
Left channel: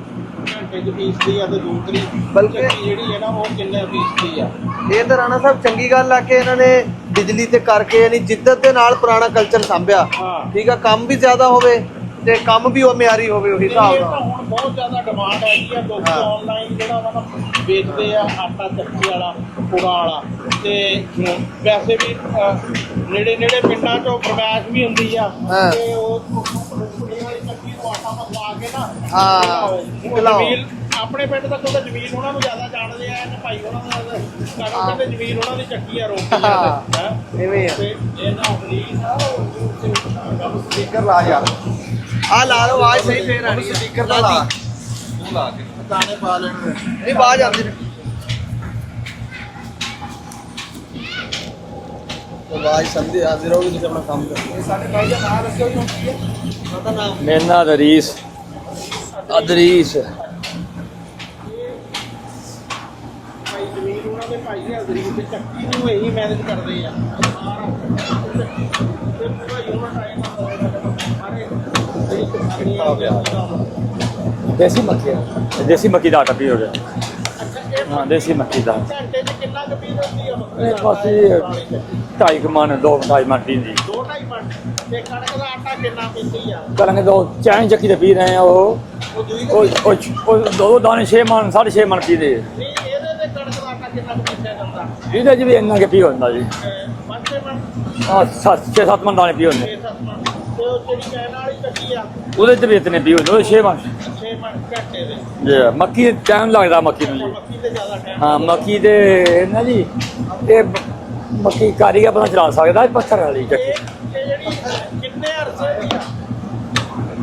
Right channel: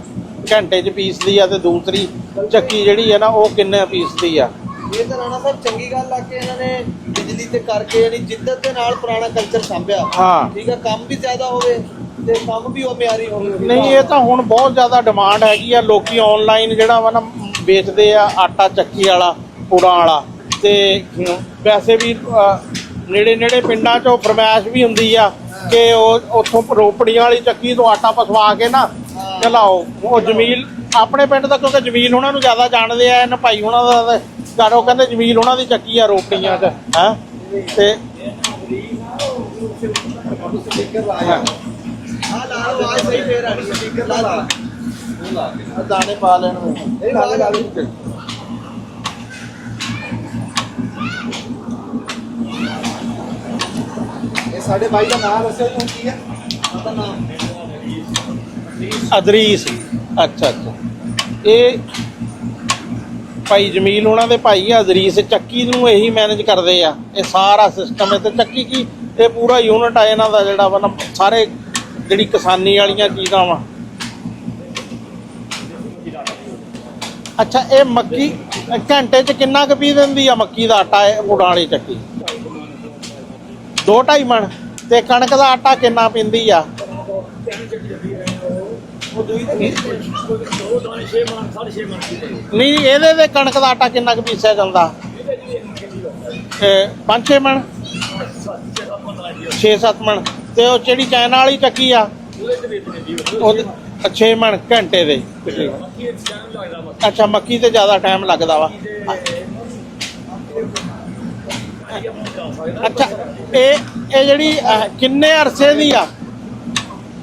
ਘੰਟੇ 'ਚ ਪੀਸਦੀ ਆ ਤੇ ਦੂਸਰੀ ਚੱਕੀ ਜਿਹੜੀ ਹੈ ਨਾ ਉਹ ਕਿੰਨੇ ਪੀਸਦੀ ਆ। ਇਹ ਤਾਂ ਰਾਣਾ ਸਾਹਿਬ ਚੰਗੀ ਗੱਲ ਆ ਕਿ ਇਹਨਾਂ ਨੇ ਬਿਜਲੀ ਤੇ ਕਰਕੇ ਯਾਨੀ ਜਿੱਦਤ ਦੇ ਨਾਲ ਪੁਰਾਣਾ ਕਲਚਰ ਸਾਂਭਿਆ। ਹਾਂ ਠੀਕ ਆ, ਕੰਮ ਵੀ ਜ਼ਿਆਦਾ ਹੋਵੇ ਤੇ ਕੰਮ ਵੀ ਉਹ ਮਿਆਰੀ ਹੋਵੇ। ਉਹੀ ਨਹੀਂ ਇਹ ਤਾਂ ਹੁਣ ਬਹੁਤ ਜ਼ਿਆਦਾ ਡਿਮਾਂਡ ਹੈਗੀ ਆ। ਲੋਕੀ ਆਨਲਾਈਨ ਜਿਹੜਾ ਵਾ ਨਾ ਵੇਚਦੇ ਆ ਆਟਾ ਚੱਕੀ ਵਾਲਾ ਪੁੜਾਂ ਵਾਲਾ। ਤੇ ਵੈਸੇ ਵੀ ਨੇੜੇ ਪਿੰਡਾਂ 'ਚੋਂ ਫਰਮਾਇਸ਼ ਵੀ ਹੁੰਦੀ ਆ ਕਿ ਉਹ ਉੱਥੋਂ ਰੋਪੜੀਆਂ ਵਾਲੀ ਚੱਕੀ ਤੋਂ ਆਟਾ ਪਸਵਾ ਕੇ ਨਾ ਲਾਓ। ਉਹ ਜਮੀਲ ਆਪਣੇ ਪਿੰਡ ਦਾ, ਕਿਉਂਕਿ ਜਮੀਲ ਉਹਨਾਂ ਨੂੰ ਜ਼ਿਆਦਾ ਜਾਣਦੇ ਆ ਇਹਨਾਂ ਭਾਈ ਉਹਨਾਂ ਦਾ ਘਰ। ਉਹ ਕਹਿੰਦੇ ਜਮੀਲ ਉਹਨਾਂ ਦੀ ਚੱਕੀ ਆ ਰੋਪੜੀਆਂ ਤੇ ਹੈ ਤੇ ਸਪੀਕਰ ਲਾ ਜਾ। ਆ ਲਾ ਲਓ ਆਵਾਜ਼ ਸਹੀ ਫੇਰ ਆਣੀ। ਸਪੀਕਰ ਤਾਂ ਲਾ ਦਾਣੇ ਪਾ ਲੈਣ। ਨਹੀਂ ਆਵਾਜ਼ ਆਉਂਦੀ। ਆਵਾਜ਼ ਸੰਦੀ ਆਦੀ ਰਹੂਗੀ ਤੁਸੀਂ ਆਪਣਾ ਕੰਮ ਕਰੋ। ਇਹ ਸਾਡੇ ਬਾਈ ਦਾ ਨਾਮ ਰੱਖਿਆ ਜੀ, ਹੁਣ ਕੀ ਹੈ? ਪਤਾ ਨਾ ਮੇਰਾ ਨਾਂ ਰਈਸ ਅਦਰੀਸ। ਅੱਛਾ ਅੱਛਾ। ਇਹ ਭਾਈ ਜਮੀਲ ਉਹਨਾਂ ਦੇ ਭਾਈ ਆ ਅਦਰੀਸ, ਚੱਕੀ ਨੂੰ ਇਹੀ ਮੈਨੇਜ ਕਰਦੇ ਆ, ਇਹ ਸਾਰਾ ਸਿਸਟਮ ਹੈ। ਤੇ ਚੱਕੀ ਕੀ ਇਹ ਪੂਰਾ ਯੂਨਿਟ ਆ ਇਹਨਾਂ ਦਾ ਜਿਹੜਾ ਵਾ ਨਾ, ਸਾਰੇ ਜਿਹੜੀ ਕਿਸਾਨੀ ਵਾਲੀਆਂ ਚੀਜ਼ਾਂ ਵਾ। ਦੇਸੀ ਮੱਕੀ ਦਾ ਆਟਾ ਪੀਓ। ਅੱਛਾ, ਇਹ ਮੱਕੀ ਦੇਸੀ ਮੱਕੀ ਦਾ। ਘੰਟੇ 'ਚ ਕਿੰਨਾ ਕੁ ਪੀ ਦਿੰਦੀ ਆ ਮੱਕੀ ਦਾ ਆਟਾ ਇਹ ਪੁੜਾਂ ਵਾਲੀ ਚੱਕੀ? 2.5 ਮਣ 2.5 ਮਣ ਪੀਂਦੀ। 2-2.5 ਮਣ। ਤੇ ਕਣਕ ਦਾ ਆਟਾ ਕਿੰਨਾ ਪੀਂਦੀ ਆ? ਕਰਾਂਗੇ ਦੋ ਚਾਹ ਚੱਕੀ ਤੇ ਪੀ ਰਹੇ ਆ ਉਹ ਦੋ ਦਾਣੇ 6 ਮਣ 6.5 ਮਣ ਪੀਦੇ। ਨਹੀਂ, ਇਹਦੇ ਤੇ ਕਣਕ ਦਾ ਆਟਾ ਕਿੰਨਾ ਕੁ ਪੀਸਿਆ ਜਾਂਦਾ? ਇਹਦੇ ਚ ਵੀ ਇੰਨਾ ਕਿ ਪੀ ਹੁੰਦਾ ਜੀ। 5-6 ਮਣ 6-7 ਮਣ ਦਾਣੇ ਪੀ ਹੁੰਦੇ। 6-7 ਮਣ। ਤੇ ਉਹ ਜਿਹੜੀ ਚਾਈਨਾ ਵਾਲੀ ਚੱਕੀ ਆ ਉਹਦੇ ਚ ਵੀ ਇਤਨੇ ਪੀ ਹੁੰਦੇ 6 ਮਣ। 6 ਮਣ ਘੰਟੇ ਦੇ। ਮੱਕੀ ਤੇ ਟਾਈਮ ਲੱਗਦਾ ਮੱਕੀ। ਅੱਛਾ, ਮੱਕੀ ਤੇ ਜ਼ਿਆਦਾ ਟਾਈਮ ਲੱਗਦਾ ਵਾ। ਮੱਕੀ ਤੇ ਨਾ ਜੀ ਇਹ ਮੱਕੀ ਕਾਰੀਗਰ ਆਪਣਾ ਚਲਾ ਸਕਦਾ ਪੱਥਰ ਵਾਲੀ। ਇਹ ਜਿਹੜੀ ਕਿੰਨੇ ਅਰਸੇ ਦੀ ਆ?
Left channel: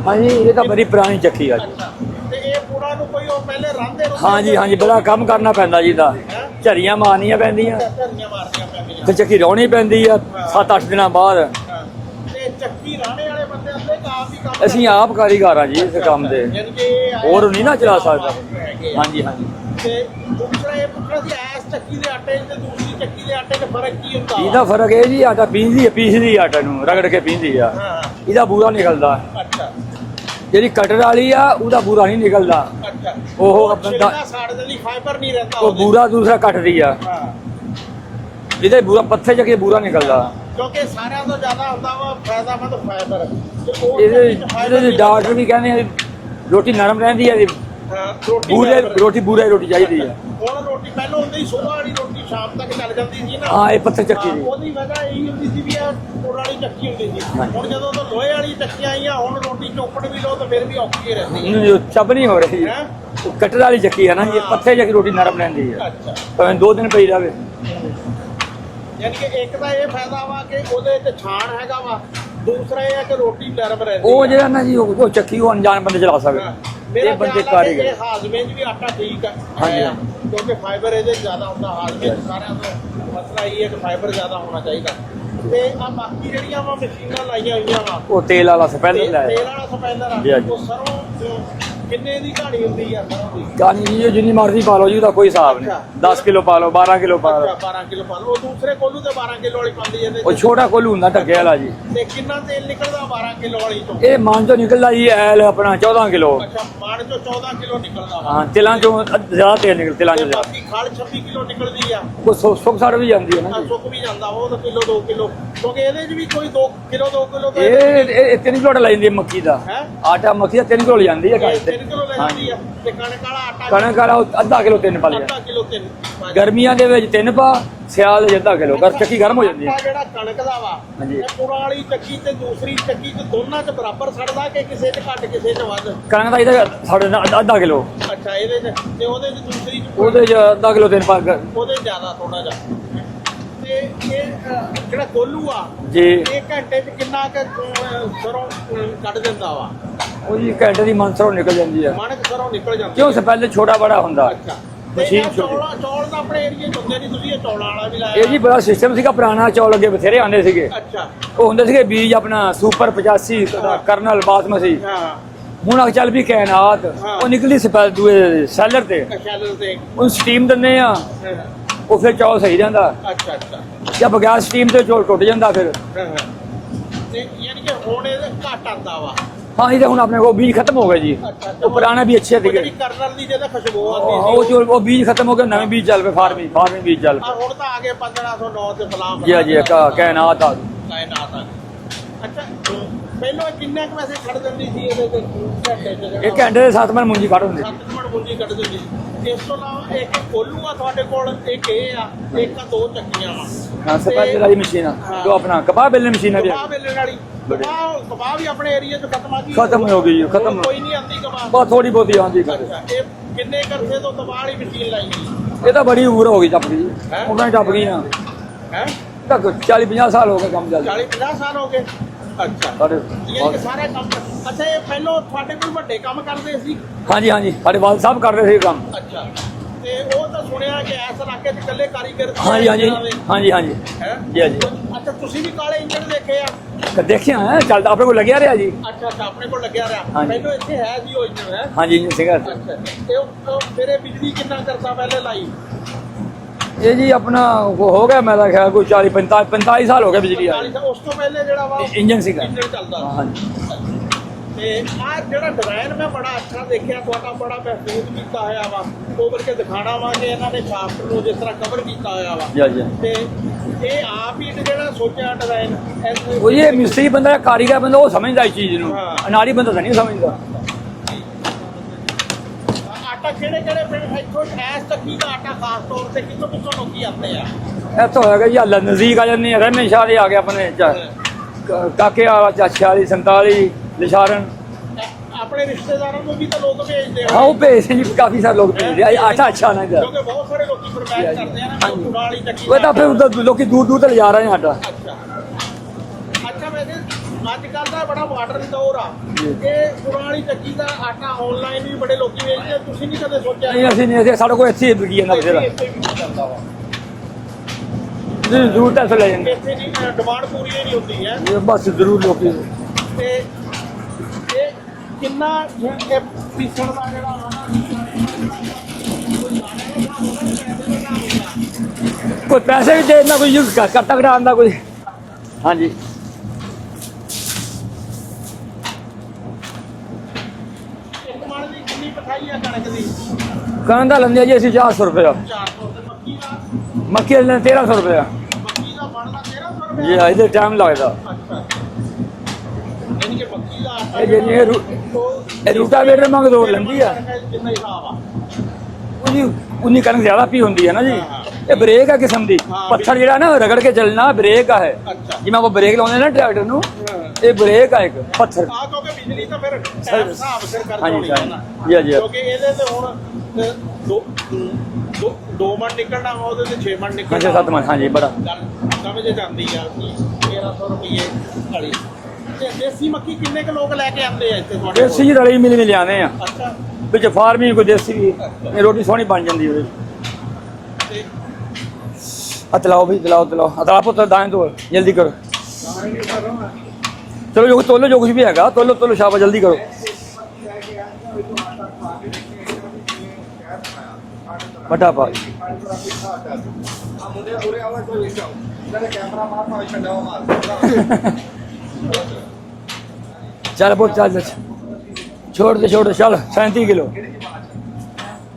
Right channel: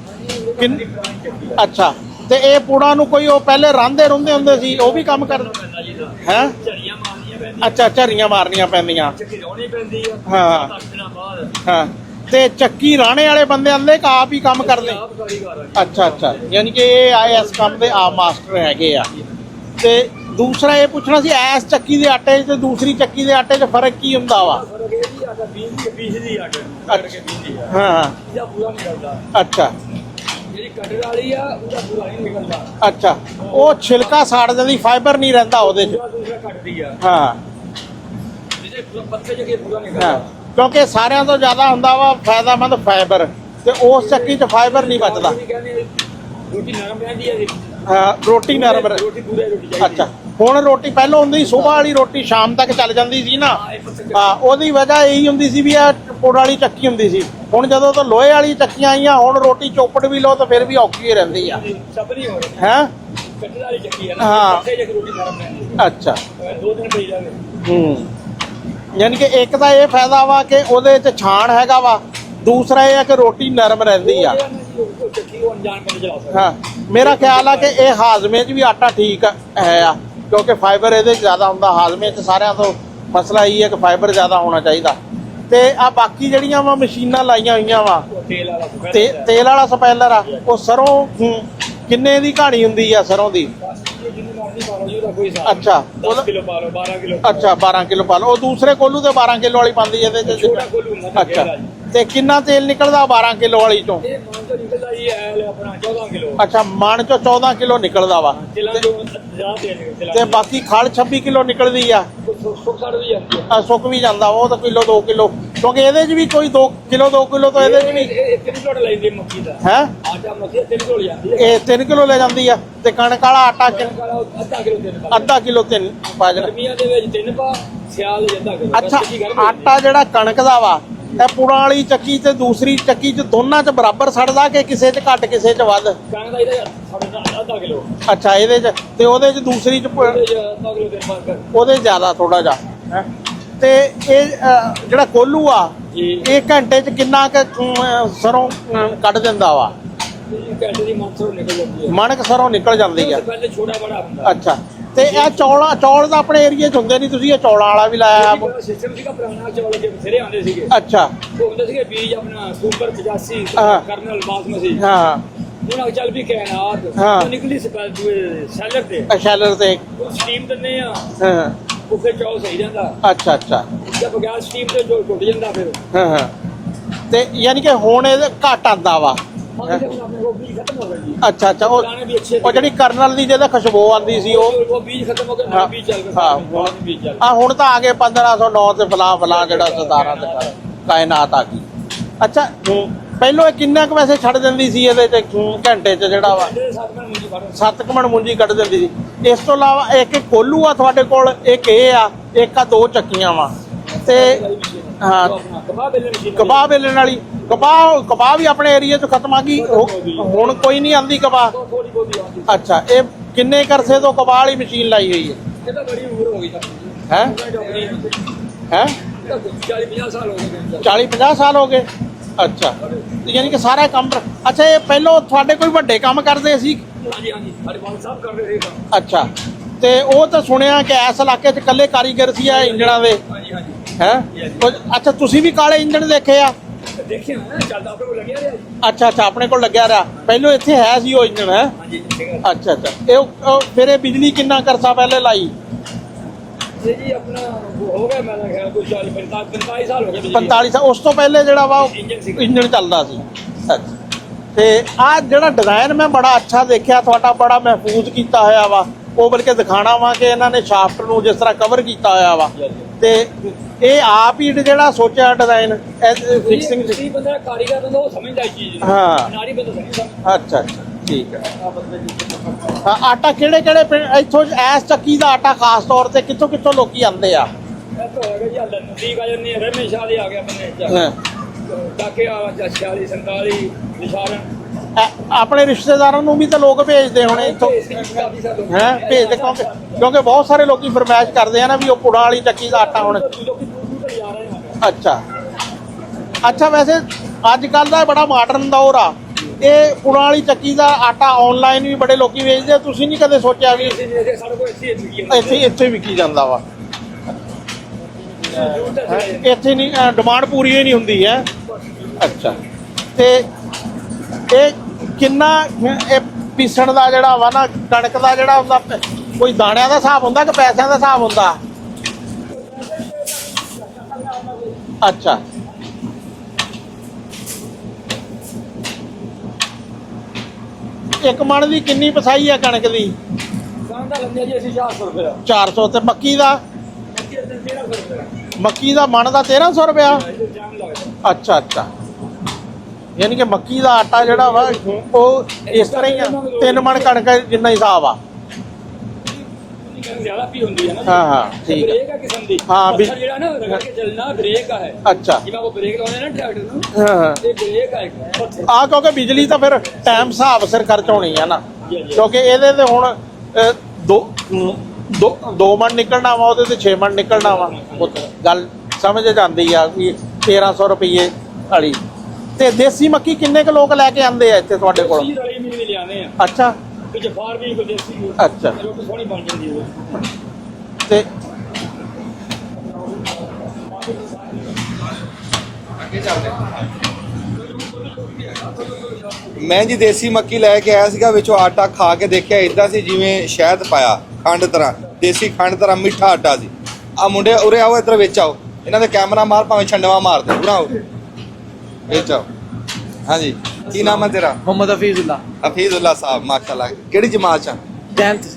ਹਾਂਜੀ, ਇਹ ਤਾਂ ਬੜੀ ਪੁਰਾਣੀ ਚੱਕੀ ਆ। ਅੱਛਾ, ਤੇ ਇਹ ਪੁੜਾ ਨੂੰ ਕੋਈ ਉਹ ਪਹਿਲੇ ਰਾਂਦੇ ਰੁੰਦੇ ਹਾਂਜੀ ਹੁੰਦੇ ਹਾਂਜੀ, ਸੀ, ਉਹ ਬੜਾ ਵੀ ਕੰਮ ਕਰਨਾ ਪੈਂਦਾ ਜੀ ਦਾ। ਹੈ? ਝਰੀਆਂ ਮਾਰਨੀਆਂ ਪੈਂਦੀਆਂ। ਅੱਛਾ, ਝਰੀਆਂ ਮਾਰਨੀਆਂ ਪੈਂਦੀਆਂ। ਤੇ ਚੱਕੀ ਰੌਣੀ ਪੈਂਦੀ ਆ ਹਾਂ। 7-8 ਦਿਨਾਂ ਬਾਅਦ। ਹਾਂ, ਤੇ ਚੱਕੀ ਰਾਣੇ ਵਾਲੇ ਬੰਦੇ ਆਂਦੇ ਕਿ ਆਪ ਹੀ ਕੰਮ ਅਸੀਂ ਕਰਦੇ? ਆਪ ਕਾਰੀਗਰ ਆ ਜੀ ਇਸ ਅੱਛਾ ਕੰਮ ਅੱਛਾ, ਦੇ। ਯਾਨੀ ਕਿ ਇਹ ਆਏ ਹੋਰ ਇਸ ਨਹੀਂ ਨਾ ਕੰਮ ਦੇ ਚਲਾ ਆਪ ਸਕਦੇ। ਮਾਸਟਰ ਹੈਗੇ ਆ। ਹਾਂਜੀ ਹਾਂਜੀ। ਤੇ ਦੂਸਰਾ ਇਹ ਪੁੱਛਣਾ ਸੀ, ਐਸ ਚੱਕੀ ਦੇ ਆਟੇ 'ਚ ਤੇ ਦੂਸਰੀ ਚੱਕੀ ਦੇ ਆਟੇ 'ਚ ਫਰਕ ਕੀ ਹੁੰਦਾ ਇਹਦਾ ਵਾ? ਫਰਕ ਇਹ ਜੀ ਆਟਾ ਪੀਸਦੀ ਆਟੇ ਨੂੰ ਰਗੜ ਕੇ ਪੀਂਦੀ ਆ। ਹਾਂ ਹਾਂ। ਇਹਦਾ ਬੂਰਾ ਨਿਕਲਦਾ। ਅੱਛਾ ਜਿਹੜੀ ਕਟਰ ਵਾਲੀ ਆ ਉਹਦਾ ਬੂਰਾ ਨਹੀਂ ਨਿਕਲਦਾ। ਅੱਛਾ, ਉਹ ਉਹ ਆਪਣਾ ਛਿਲਕਾ ਸਾੜ ਦਿੰਦੀ, ਫਾਈਬਰ ਨਹੀਂ ਰਹਿੰਦਾ ਉਹ ਉਹਦੇ 'ਚ। ਬੂਰਾ ਦੂਸਰਾ ਕੱਟਦੀ ਆ। ਹਾਂ, ਜਿਹਦੇ ਬੂਰਾ ਪੱਥੇ ਜਗੇ ਬੂਰਾ ਨਿਕਲਦਾ। ਕਿਉਂਕਿ ਸਾਰਿਆਂ ਤੋਂ ਜ਼ਿਆਦਾ ਹੁੰਦਾ ਵਾ ਫਾਇਦਾਮੰਦ ਫਾਈਬਰ, ਤੇ ਉਸ ਚੱਕੀ 'ਚ ਫਾਈਬਰ ਨਹੀਂ ਡਾਕਟਰ ਬਚਦਾ। ਵੀ ਕਹਿੰਦੇ ਆ ਰੋਟੀ ਨਰਮ ਰਹਿੰਦੀ ਆ। ਹਾਂ, ਰੋਟੀ ਬੂਰੇ ਨਾਲ ਰੋਟੀ ਬੂਰੇ ਰੋਟੀ ਚਾਹੀਦੀ ਅੱਛਾ, ਆ। ਹੁਣ ਰੋਟੀ ਪਹਿਲਾਂ ਹੁੰਦੀ ਸਵੇਰ ਵਾਲੀ ਰੋਟੀ ਸ਼ਾਮ ਤੱਕ ਚੱਲ ਜਾਂਦੀ ਸੀ ਨਾ। ਹਾਂ, ਇਹ ਪੱਥਰ ਹਾਂ, ਚੱਕੀ। ਉਹਦੀ ਵਜ੍ਹਾ ਇਹੀ ਹੁੰਦੀ ਸੀ ਵੀ ਆ ਪੁੜ ਵਾਲੀ ਚੱਕੀ ਹੁੰਦੀ ਸੀ। ਹੁਣ ਜਦੋਂ ਤੋਂ ਲੋਹੇ ਵਾਲੀ ਚੱਕੀਆਂ ਆਈਆਂ, ਹੁਣ ਰੋਟੀ ਚੋਪੜ ਵੀ ਲਓ ਤਾਂ ਫਿਰ ਵੀ ਔਖੀ ਹੀ ਰਹਿੰਦੀ ਹੈ। ਚੱਬ ਨਹੀਂ ਹੋ ਰਹੀ ਹੈ? ਕਟਰ ਵਾਲੀ ਚੱਕੀ ਆ ਨਾ, ਹਾਂ। ਇਹ ਪੱਥੇ ਜਗੀ ਰੋਟੀ ਨਰਮ ਰਹਿੰਦੀ ਆ। ਅੱਛਾ। ਭਾਵੇਂ 2 ਦਿਨ ਪਈ ਜਾਵੇ। ਯਾਨੀ ਕਿ ਇੱਕ ਤਾਂ ਇਹ ਫਾਇਦਾ ਵਾ ਕਿ ਉਹਦੇ 'ਚ ਛਾਣ ਹੈਗਾ ਵਾ, ਦੂਸਰਾ ਇਹ ਆ ਕਿ ਰੋਟੀ ਨਰਮ ਰਹਿੰਦੀ ਉਹ ਆ। ਜਿਹੜਾ ਨਾ ਜੀ ਉਹ ਚੱਕੀ ਉਹ ਅਣਜਾਣ ਬੰਦੇ ਚਲਾ ਸਕਦੇ। ਹਾਂ, ਮੇਰਾ ਇਹ ਬੰਦੇ ਖਿਆਲ ਆ ਕਿ ਕਾਰੀਗਰ। ਇਹ ਹਾਜ਼ਮੇ 'ਚ ਵੀ ਆਟਾ ਠੀਕ ਹੈ ਆ, ਕਿਉਂਕਿ ਫਾਈਬਰ ਇਹਦੇ 'ਚ ਜ਼ਿਆਦਾ ਹੁੰਦਾ। ਹਾਜ਼ਮੇ 'ਚ ਸਾਰਿਆਂ ਤੋਂ ਮਸਲਾ ਇਹ ਹੈ ਕਿ ਫਾਈਬਰ ਜ਼ਿਆਦਾ ਹੋਣਾ ਚਾਹੀਦਾ। ਤੇ ਆ ਬਾਕੀ ਜਿਹੜੀਆਂ ਵਾ ਮਸ਼ੀਨਾਂ ਲਾਈਆਂ ਹੋਈਆਂ ਵਾ, ਉਹ ਤੇਲ ਵਾਲਾ ਸਪੈਸ਼ਲ ਤੇਲ ਵਾਲਾ ਸਪੈਲਰ ਆ, ਜੀ, ਜੀ। ਉਹ ਸਰੋਂ ਕਿੰਨੇ ਦੀ ਕਹਾਣੀ ਹੁੰਦੀ ਆ ਸਰੋਂ ਦੀ? ਕਾਨੀ ਜੀ ਜਿੰਨੀ ਮਰਜ਼ੀ ਪਾ ਲਓ ਜੀ, ਉਹਦਾ ਕੋਈ ਹਿਸਾਬ ਨਹੀਂ। ਅੱਛਾ। 10 ਕਿਲੋ ਪਾ ਲਓ, 12 ਕਿਲੋ ਪਾ ਅੱਛਾ, ਲਓ। 12 ਕਿਲੋ ਪਾ ਲਓ। ਉਹ ਦੂਸਰੇ ਕੋਲੂ ਤੇ 12 ਕਿਲੋ ਵਾਲੀ ਪਾਉਂਦੀ ਇਹਦੇ ਉਹ 'ਚ। ਛੋਟਾ ਕੋਲੂ ਹੁੰਦਾ ਢੱਗੇ ਵਾਲਾ ਜੀ। ਤੇ ਕਿੰਨਾ ਤੇਲ ਨਿਕਲਦਾ 12 ਕਿਲੋ ਵਾਲੀ ਚੋਂ? ਇਹ ਮਨ ਚੋਂ ਨਿਕਲਦਾ ਜੀ ਐਲ ਆਪਣਾ 14 ਕਿਲੋ। ਅੱਛਾ, ਮਣ ਚੋਂ 14 ਕਿਲੋ ਨਿਕਲਦਾ ਵਾ। ਹਾਂ, ਤਿਲਾਂ ਚੋਂ ਜ਼ਿਆਦਾ ਤੇਲ ਨਿਕਲ ਤਿਲਾਂ ਤੇ ਚੋਂ। ਬਾਕੀ ਖਲ 26 ਕਿਲੋ ਨਿਕਲਦੀ ਆ। ਉਹ ਸੁੱਕ ਸੜ ਵੀ ਜਾਂਦੀ ਹੈ ਨਾ। ਸੁੱਕ ਵੀ ਜਾਂਦਾ ਵਾ, ਉਹ ਤਾਂ ਕਿਲੋ 2 ਕਿਲੋ, ਕਿਉਂਕਿ ਇਹਦੇ 'ਚ ਵੀ ਕੋਈ 2 ਕਿਲੋ ਤੋਂ ਇਹਦੇ 'ਚ ਵੀ ਇਹ 3 ਕਿਲੋ ਲੈ ਜਾਂਦੀ ਹੈ ਮੱਕੀ ਦਾ। ਹੈ। ਆਟਾ ਮੱਕੀ ਦਾ 3 ਕਿਲੋ ਲੈ ਜਾਂਦੀ ਹੈ। ਇਹ 3 ਕਿਲੋ ਲੈ ਜਾਂਦੀ ਆ। ਤੇ ਕਣਕ ਵਾਲਾ ਆਟਾ ਕਣਕ ਵਾਲਾ ਉਹ ਅੱਧਾ ਕਿਲੋ 3 ਪਾ ਲਿਆ। ਅੱਧਾ ਕਿਲੋ 3 ਪਾ ਜਾ। ਗਰਮੀਆਂ ਦੇ ਵਿੱਚ 3 ਪਾ, ਸਿਆਲ ਦੇ ਅੱਧਾ ਕਿਲੋ। ਬਸ ਚੱਕੀ ਗਰਮ ਹੋ ਜਾਂਦੀ ਆਟਾ ਹੈ। ਜਿਹੜਾ ਕਣਕ ਦਾ ਵਾ, ਇਹ ਪੁੜਾਂ ਵਾਲੀ ਚੱਕੀ ਤੇ ਦੂਸਰੀ ਚੱਕੀ 'ਚ ਦੋਨਾਂ 'ਚ ਬਰਾਬਰ ਸੜਦਾ ਕਿ ਕਿਸੇ 'ਚ ਘੱਟ ਕਿਸੇ 'ਚ ਵੱਧ? ਕਣਕ ਦਾ ਇਹਦਾ ਸਾਡੇ ਨਾਲ ਅੱਧਾ ਕਿਲੋ। ਅੱਛਾ, ਇਹਦੇ 'ਚ ਤੇ ਉਹਦੇ 'ਚ ਦੂਸਰੀ 'ਚ ਉਹਦੇ ਚ ਅੱਧਾ ਕਿਲੋ 3 ਪਾ ਉਹਦੇ ਜ਼ਿਆਦਾ ਥੋੜਾ ਜਿਹਾ। ਤੇ ਇਹ ਜਿਹੜਾ ਕੋਲੂ ਆ, ਜੀ ਇਹ ਘੰਟੇ 'ਚ ਕਿੰਨਾ ਕੁ ਸਰੋਂ ਕੱਢ ਦਿੰਦਾ ਵਾ? ਉਹ ਜੀ ਘੰਟੇ ਦੀ ਮਨਸਰੋਂ ਨਿਕਲ ਜਾਂਦੀ ਹੈ। ਮਣਕ ਸਰੋਂ ਨਿਕਲ ਜਾਂਦੀ ਤੇ ਉਸ ਹੈ। ਪਹਿਲੇ ਛੋਟਾ ਬੜਾ ਹੁੰਦਾ। ਅੱਛਾ, ਤੇ ਇਹ ਚੌਲ ਤਾਂ ਆਪਣੇ ਏਰੀਏ 'ਚ ਹੁੰਦੇ ਨਹੀਂ, ਤੁਸੀਂ ਇਹ ਚੌਲਾਂ ਵਾਲਾ ਵੀ ਇਹ ਲਾਇਆ? ਜੀ ਬੜਾ ਸਿਸਟਮ ਸੀਗਾ ਪੁਰਾਣਾ, ਚੌਲ ਅੱਗੇ ਬਥੇਰੇ ਆਉਂਦੇ ਸੀਗੇ। ਅੱਛਾ। ਉਹ ਹੁੰਦੇ ਸੀਗੇ ਬੀਜ ਆਪਣਾ ਸੁਪਰ 85 ਹਾਂ। ਕਰਨਲ ਬਾਸਮਤੀ। ਹਾਂ ਹੁਣ ਚੱਲ ਵੀ ਕਾਇਨਾਤ ਹਾਂ। ਉਹ ਨਿਕਲੀ ਦੂਏ ਸੈਲਰ ਤੇ ਸ਼ੈਲਰ ਤੇ। ਉਹ ਸਟੀਮ ਦਿੰਦੇ ਆ, ਹਾਂ। ਉਹ ਫਿਰ ਚੌਲ ਸਹੀ ਜਾਂਦਾ। ਅੱਛਾ ਅੱਛਾ। ਜਾਂ ਬਗੈਰ ਸਟੀਮ ਤੇ ਚੌਲ ਟੁੱਟ ਜਾਂਦਾ ਫਿਰ। ਹਾਂ ਹਾਂ। ਤੇ ਯਾਨੀ ਕਿ ਹੁਣ ਇਹ ਘੱਟ ਆਉਂਦਾ ਵਾ? ਹਾਂ, ਇਹ ਤਾਂ ਹੁਣ ਆਪਣੇ ਕੋਲ ਬੀਜ ਖਤਮ ਹੋ ਗਏ ਜੀ। ਅੱਛਾ ਅੱਛਾ। ਉਹ ਪੁਰਾਣੇ ਵੀ ਅੱਛੇ ਉਹ ਜਿਹੜੀ ਕਰਨਲ ਦੀ ਜਿਹਦਾ ਖੁਸ਼ਬੂ ਆਉਂਦੀ ਸੀ ਉਹ ਬੀਜ ਖਤਮ ਹੋ ਗਏ, ਨਵੇਂ ਬੀਜ ਚੱਲ ਪਏ। ਫਾਰਮੀ ਬੀਜ ਚੱਲ ਆ ਹੁਣ ਤਾਂ ਆ ਗਏ 1509 ਤੇ ਫਲਾ ਫਲਾ ਜੀ, ਕਾਇਨਾਤ ਆ ਗਈ। ਕਾਇਨਾਤ ਆ ਗਈ। ਅੱਛਾ, ਪਹਿਲੋਂ ਇਹ ਕਿੰਨਾ ਕੁ ਵੈਸੇ ਛੱਡ ਦਿੰਦੀ ਸੀ ਇਹਦੇ ਤੇ ਘੰਟੇ 'ਚ ਜਿਹੜਾ ਇਹ ਘੰਟੇ ਦੇ 7 ਮਣ ਮੁੰਜੀ ਕੱਢ ਹੁੰਦੀ। 7 ਕਮਣ ਮੁੰਜੀ ਕੱਢ ਦਿੰਦੀ ਸੀ। ਇਸ ਤੋਂ ਇਲਾਵਾ ਇੱਕ ਕੋਲੂ ਆ ਤੁਹਾਡੇ ਕੋਲ, ਇੱਕ ਇਹ ਆ, ਇੱਕ ਆ 2 ਚੱਕੀਆਂ ਵਾ। ਤੇ ਵਾਲੀ ਮਸ਼ੀਨ ਆ ਹਾਂ। ਜੋ ਆਪਣਾ ਕਬਾਹ ਬੇਲਣ ਮਸ਼ੀਨ ਆ। ਕਬਾਹ ਵੇਲਣ ਵਾਲੀ। ਕਬਾਹ ਵੀ ਆਪਣੇ ਏਰੀਆ 'ਚ ਖਤਮ ਆ ਗਈ? ਖਤਮ ਹੋ ਗਈ ਜੀ, ਖਤਮ ਹੁਣ ਕੋਈ ਨਹੀਂ ਆਂਦੀ ਕਬਾਹ? ਬਹੁਤ ਥੋੜੀ ਬਹੁਤੀ ਆਉਂਦੀ। ਅੱਛਾ, ਇਹ ਕਿੰਨੇ ਕਰਸੇ ਤੋਂ ਕਬਾਹ ਵਾਲੀ ਮਸ਼ੀਨ ਲਾਈ ਹੋਈ ਹੈ? ਇਹ ਤਾਂ ਬੜੀ ਉਮਰ ਹੋ ਗਈ ਟੱਪਦੀ ਹੈਂ? ਉਹਨਾਂ ਹੀ ਟੱਪ ਗਈਆਂ। ਹੈ? ਇਹ ਤਾਂ 40-50 ਸਾਲ ਹੋ ਗਏ ਕੰਮ ਚੱਲਦਾ। 40-50 ਸਾਲ ਹੋ ਗਏ? ਅੱਛਾ, ਸਾਡੇ ਯਾਨੀ ਕਿ ਸਾਰਾ ਕੰਮ। ਅੱਛਾ, ਇਹ ਪਹਿਲਾਂ ਤੁਹਾਡੇ ਕੋਈ ਵੱਡੇ ਕੰਮ ਕਰਦੇ ਸੀ? ਹਾਂਜੀ ਹਾਂਜੀ, ਸਾਡੇ ਵਾਲ ਸਾਹਿਬ ਕਰਦੇ ਸੀ ਕੰਮ। ਅੱਛਾ, ਤੇ ਉਹ ਤਾਂ ਸੁਣਿਆ ਕਿ ਇਸ ਇਲਾਕੇ 'ਚ ਇਕੱਲੇ ਕਾਰੀਗਰ ਸੀ ਇਹ ਇੰਜਣਾਂ ਦੇ। ਹਾਂਜੀ ਹਾਂਜੀ ਹੈ ਜੀ, ਹਾਂਜੀ। ਅੱਛਾ, ਤੁਸੀਂ ਵੀ ਕਾਲੇ ਇੰਜਣ ਦੇਖੇ ਆ? ਦੇਖਿਆ ਹੈ, ਚੱਲਦਾ ਆਪਣੇ ਕੋਲ ਲੱਗਿਆ ਰਿਹਾ ਜੀ। ਅੱਛਾ ਅੱਛਾ, ਆਪਣੇ ਕੋਲ ਲੱਗਿਆ ਰਿਹਾ। ਹਾਂਜੀ। ਪਹਿਲਾਂ ਇੱਥੇ ਹੈ ਸੀ ਉਹ ਇੰਜਣ? ਹੈ ਹਾਂਜੀ ਸੀਗਾ। ਅੱਛਾ ਅੱਛਾ। ਫਿਰ ਇਹ ਬਿਜਲੀ ਕਿੰਨਾ ਕਰਸਾ ਪਹਿਲੇ ਲਾਈ? ਇਹ ਜੀ ਆਪਣਾ ਹੋ ਗਿਆ ਮੇਰਾ ਖਿਆਲ ਕੋਈ 40 45 ਸਾਲ ਹੋ ਗਏ ਬਿਜਲੀ 45 ਸਾਲ। ਉਸ ਤੋਂ ਪਹਿਲੇ ਜਿਹੜਾ ਵਾ ਇੰਜਣ ਸੀਗਾ। ਇੰਜਣ ਚੱਲਦਾ ਸੀ। ਅੱਛਾ। ਤੇ ਆਹ ਜਿਹੜਾ ਡਿਜ਼ਾਈਨ ਮੈਂ ਬੜਾ ਅੱਛਾ ਦੇਖਿਆ ਤੁਹਾਡਾ, ਬੜਾ ਮਹਿਫੂਜ਼ ਕੀਤਾ ਹੋਇਆ ਵਾ। ਉਹ ਬਲਕਿ ਦਿਖਾਣਾ ਵਾ ਕਿ ਇਹਨਾਂ ਨੇ ਸ਼ਾਫਟ ਨੂੰ ਜਿਸ ਤਰ੍ਹਾਂ ਕਵਰ ਕੀਤਾ ਹੋਇਆ ਵਾ। ਜੀ ਜੀ। ਤੇ ਇਹ ਆਪ ਹੀ ਜਿਹੜਾ ਸੋਚਿਆ ਡਿਜ਼ਾਈਨ? ਉਹ ਇਹ ਮਿਸਤਰੀ ਬੰਦਾ, ਕਾਰੀਗਰ ਬੰਦਾ, ਉਹ ਸਮਝਦਾ ਇਸ ਚੀਜ਼ ਨੂੰ। ਹਾਂ। ਅਨਾੜੀ ਬੰਦਾ ਤਾਂ ਨਹੀਂ ਸਮਝਦਾ। ਅੱਛਾ ਅੱਛਾ, ਠੀਕ ਹੈ। ਆਟਾ ਕਿਹੜੇ ਪਿੰਡ ਇੱਥੋਂ ਇਸ ਚੱਕੀ ਦਾ ਆਟਾ ਖਾਸ ਤੌਰ ਤੇ ਕਿੱਥੋਂ ਕਿੱਥੋਂ ਲੋਕੀ ਆਉਂਦੇ ਆ? ਇੱਥੋਂ ਹੈਗਾ ਜੀ ਹੱਲਾ ਨਜ਼ਦੀਕ ਆ ਜਾਂਦੇ ਆ, ਰਹਿਮੇ ਸ਼ਾਹ ਦੇ ਆ ਗਏ ਆਪਣੇ ਕਾਕੇ ਵਾਲਾ, ਚਾਚਾ ਦੀ 47 ਲਿਸ਼ਾਰਨ। ਆਪਣੇ ਰਿਸ਼ਤੇਦਾਰਾਂ ਨੂੰ ਵੀ ਤਾਂ ਲੋਕ ਭੇਜਦੇ ਉਹ ਹੋਣੇ? ਭੇਜਦੇ ਜੀ, ਕਾਫੀ ਸਾਰੇ ਲੋਕ ਭੇਜਦੇ ਆ। ਆਟਾ ਅੱਛਾ ਨਾ ਕਿਉਂਕਿ ਬਹੁਤ ਸਾਰੇ ਲੋਕੀ ਫਰਮਾਇਸ਼ ਕਰਦੇ ਆ ਨਾ ਵੀ ਉਹ ਪੁੜਾ ਵਾਲੀ ਚੱਕੀ ਦਾ ਆਟਾ ਹੋਣਾ। ਲੋਕੀ ਦੂਰ ਦੂਰ ਤੱਕ ਜਾ ਰਹੇ ਆ ਆਟਾ। ਅੱਛਾ ਅੱਛਾ। ਵੈਸੇ ਅੱਜ ਕੱਲ ਦਾ ਬੜਾ ਮਾਡਰਨ ਦੌਰ ਆ। ਇਹ ਪੁੜਾ ਵਾਲੀ ਚੱਕੀ ਦਾ ਆਟਾ ਆਨਲਾਈਨ ਵੀ ਬੜੇ ਲੋਕੀ ਵੇਚਦੇ ਆ। ਤੁਸੀਂ ਨਹੀਂ ਕਦੇ ਸੋਚਿਆ? ਨਹੀਂ, ਅਸੀਂ ਨਹੀਂ, ਸਾਡੇ ਕੋਲ ਇੱਥੇ ਹੀ ਵਿਕੀ ਜਾਂਦਾ। ਇੱਥੇ ਵਿਕੀ ਜਾਂਦਾ ਵਾ? ਦੂਰ ਤੱਕ ਲੈ ਜਾਂਦੇ ਇੱਥੇ ਨਹੀਂ, ਡਿਮਾਂਡ ਪੂਰੀ ਹੀ ਨਹੀਂ ਹੁੰਦੀ ਹੈ। ਬਸ ਜ਼ਰੂਰ ਲੋਕੀ। ਤੇ ਇਹ ਕਿੰਨਾ ਇਹ ਪੀਸਣ ਦਾ ਜਿਹੜਾ ਵਾ ਨਾ, ਕਣਕ ਦਾ ਜਿਹੜਾ ਹੁੰਦਾ, ਕੋਈ ਦਾਣਿਆਂ ਦਾ ਹਿਸਾਬ ਹੁੰਦਾ ਕਿ ਪੈਸਿਆਂ ਦਾ ਹਿਸਾਬ ਹੁੰਦਾ? ਕੋਈ ਪੈਸੇ ਵੀ ਦੇਣਾ, ਕੋਈ ਯੂਜ਼ ਕਰ ਤਕੜਾ ਆਉਂਦਾ ਕੋਈ। ਅੱਛਾ। ਹਾਂਜੀ। ਇੱਕ ਮਣ ਦੀ ਕਿੰਨੀ ਪਸਾਈ ਆ ਕਣਕ ਦੀ? ਕਣਕ ਦਾ ਲੈਂਦੇ ਜੀ ਅਸੀਂ 400 ਰੁਪਇਆ। 400। ਤੇ ਮੱਕੀ ਦਾ? ਮੱਕੀ ਦਾ 1300 ਰੁਪਇਆ। ਮੱਕੀ ਦਾ ਮਣ ਦਾ 1300 ਰੁਪਇਆ? ਇਹਦੇ ਟਾਈਮ ਲੱਗਦਾ। ਅੱਛਾ ਅੱਛਾ। ਯਾਨੀ ਕਿ ਮੱਕੀ ਦਾ ਆਟਾ ਜਿਹੜਾ ਵਾ ਉਹ ਇਸ ਤਰ੍ਹਾਂ ਮੰਗ ਦੋ 3 ਮਣ ਕਣਕ ਜਿੰਨਾ ਹਿਸਾਬ ਆ। ਉਨੀ ਕਣਕ ਜ਼ਿਆਦਾ ਪੀ ਹੁੰਦੀ ਹੈ ਨਾ ਜੀ। ਹਾਂ, ਹਾਂ, ਇਹ ਬ੍ਰੇਕ ਆ ਕਿਸਮ ਦੀ। ਹਾਂ, ਪੱਥਰ ਜਿਹੜਾ ਨਾ ਰਗੜ ਕੇ ਚੱਲਣਾ ਬ੍ਰੇਕ ਆ ਹੈ। ਅੱਛਾ। ਜਿਵੇਂ ਆਪਾਂ ਬ੍ਰੇਕ ਲਾਉਂਦੇ ਨਾ ਟਰੈਕਟਰ ਨੂੰ, ਹਾਂ। ਇਹ ਬ੍ਰੇਕ ਆ ਇੱਕ ਪੱਥਰ। ਕਿਉਂਕਿ ਬਿਜਲੀ ਤਾਂ ਫਿਰ ਟਾਈਮ ਹਿਸਾਬ ਸਿਰ ਖਰਚ ਹੋਣੀ ਆ ਨਾ। ਜੀ ਜੀ। ਕਿਉਂਕਿ ਇਹਦੇ ਤੇ ਹੁਣ ਦੋ ਮਣ ਨਿਕਲਣਾ ਵਾ, ਉਹਦੇ ਤੇ 6 ਮਣ ਨਿਕਲਣਾ ਵਾ। ਹਾਂਜੀ, ਬੜਾ ਗੱਲ ਸਮਝ ਜਾਂਦੀ ਆ ਵੀ 1300 ਰੁਪਏ ਵਾਲੀ। ਤੇ ਦੇਸੀ ਮੱਕੀ ਕਿੰਨੇ ਕੁ ਲੋਕ ਲੈ ਕੇ ਆਉਂਦੇ ਆ ਇੱਥੇ ਤੁਹਾਡੇ ਕੋਲ? ਦੇਸੀ ਰਲੀ ਮਿਲ ਲਿਆਵੇਂ ਆ। ਅੱਛਾ। ਵਿੱਚ ਫਾਰਮੀ ਕੋਈ ਦੇਸੀ। ਅੱਛਾ। ਇਹ ਰੋਟੀ ਸੋਹਣੀ ਬਣ ਜਾਂਦੀ ਉਹਦੇ। ਤੇ ਅਤਲਾਓ ਵੀ ਬਲਾਓ ਅਤਲਾ ਪੁੱਤ ਦਾਂ ਦੋ ਜਲਦੀ ਕਰੋ। ਚਲੋ ਜੋ ਤੋਲੋ, ਜੋ ਕੁਝ ਵੀ ਹੈਗਾ ਤੋਲੋ ਸ਼ਾਬਾ ਜਲਦੀ ਕਰੋ। ਮੈਂ ਜੀ ਦੇਸੀ ਮੱਕੀ ਲੈ ਕੇ ਆਇਆ ਸੀਗਾ, ਵਿੱਚੋਂ ਆਟਾ ਖਾ ਕੇ ਦੇਖਿਆ ਇਦਾਂ ਸੀ ਜਿਵੇਂ ਸ਼ਹਿਦ ਪਾਇਆ, ਖੰਡ ਤਰ੍ਹਾਂ, ਦੇਸੀ ਖੰਡ ਤਰ੍ਹਾਂ ਮਿੱਠਾ ਆਟਾ ਸੀ। ਆ ਮੁੰਡੇ ਉਰੇ ਆਓ, ਇੱਧਰ ਵਿੱਚ ਆਓ, ਇਹਨਾਂ ਦੇ ਕੈਮਰਾ ਮਾਰ, ਭਾਵੇਂ ਛੰਡਵਾ ਮਾਰ ਦੇ, ਬਣਾਓ ਵਿੱਚ ਆਓ। ਹਾਂਜੀ, ਚੱਲ ਕੀ ਨਾਮ ਹੈ ਤੇਰਾ? मोहम्मद हफीजुल्लाह ਛੋੜ ਕੇ ਛੋੜ ਚੱਲ 35 ਕਿਲੋ। ਕਿਹੜੀ ਜਮਾਤ ਚ? 10th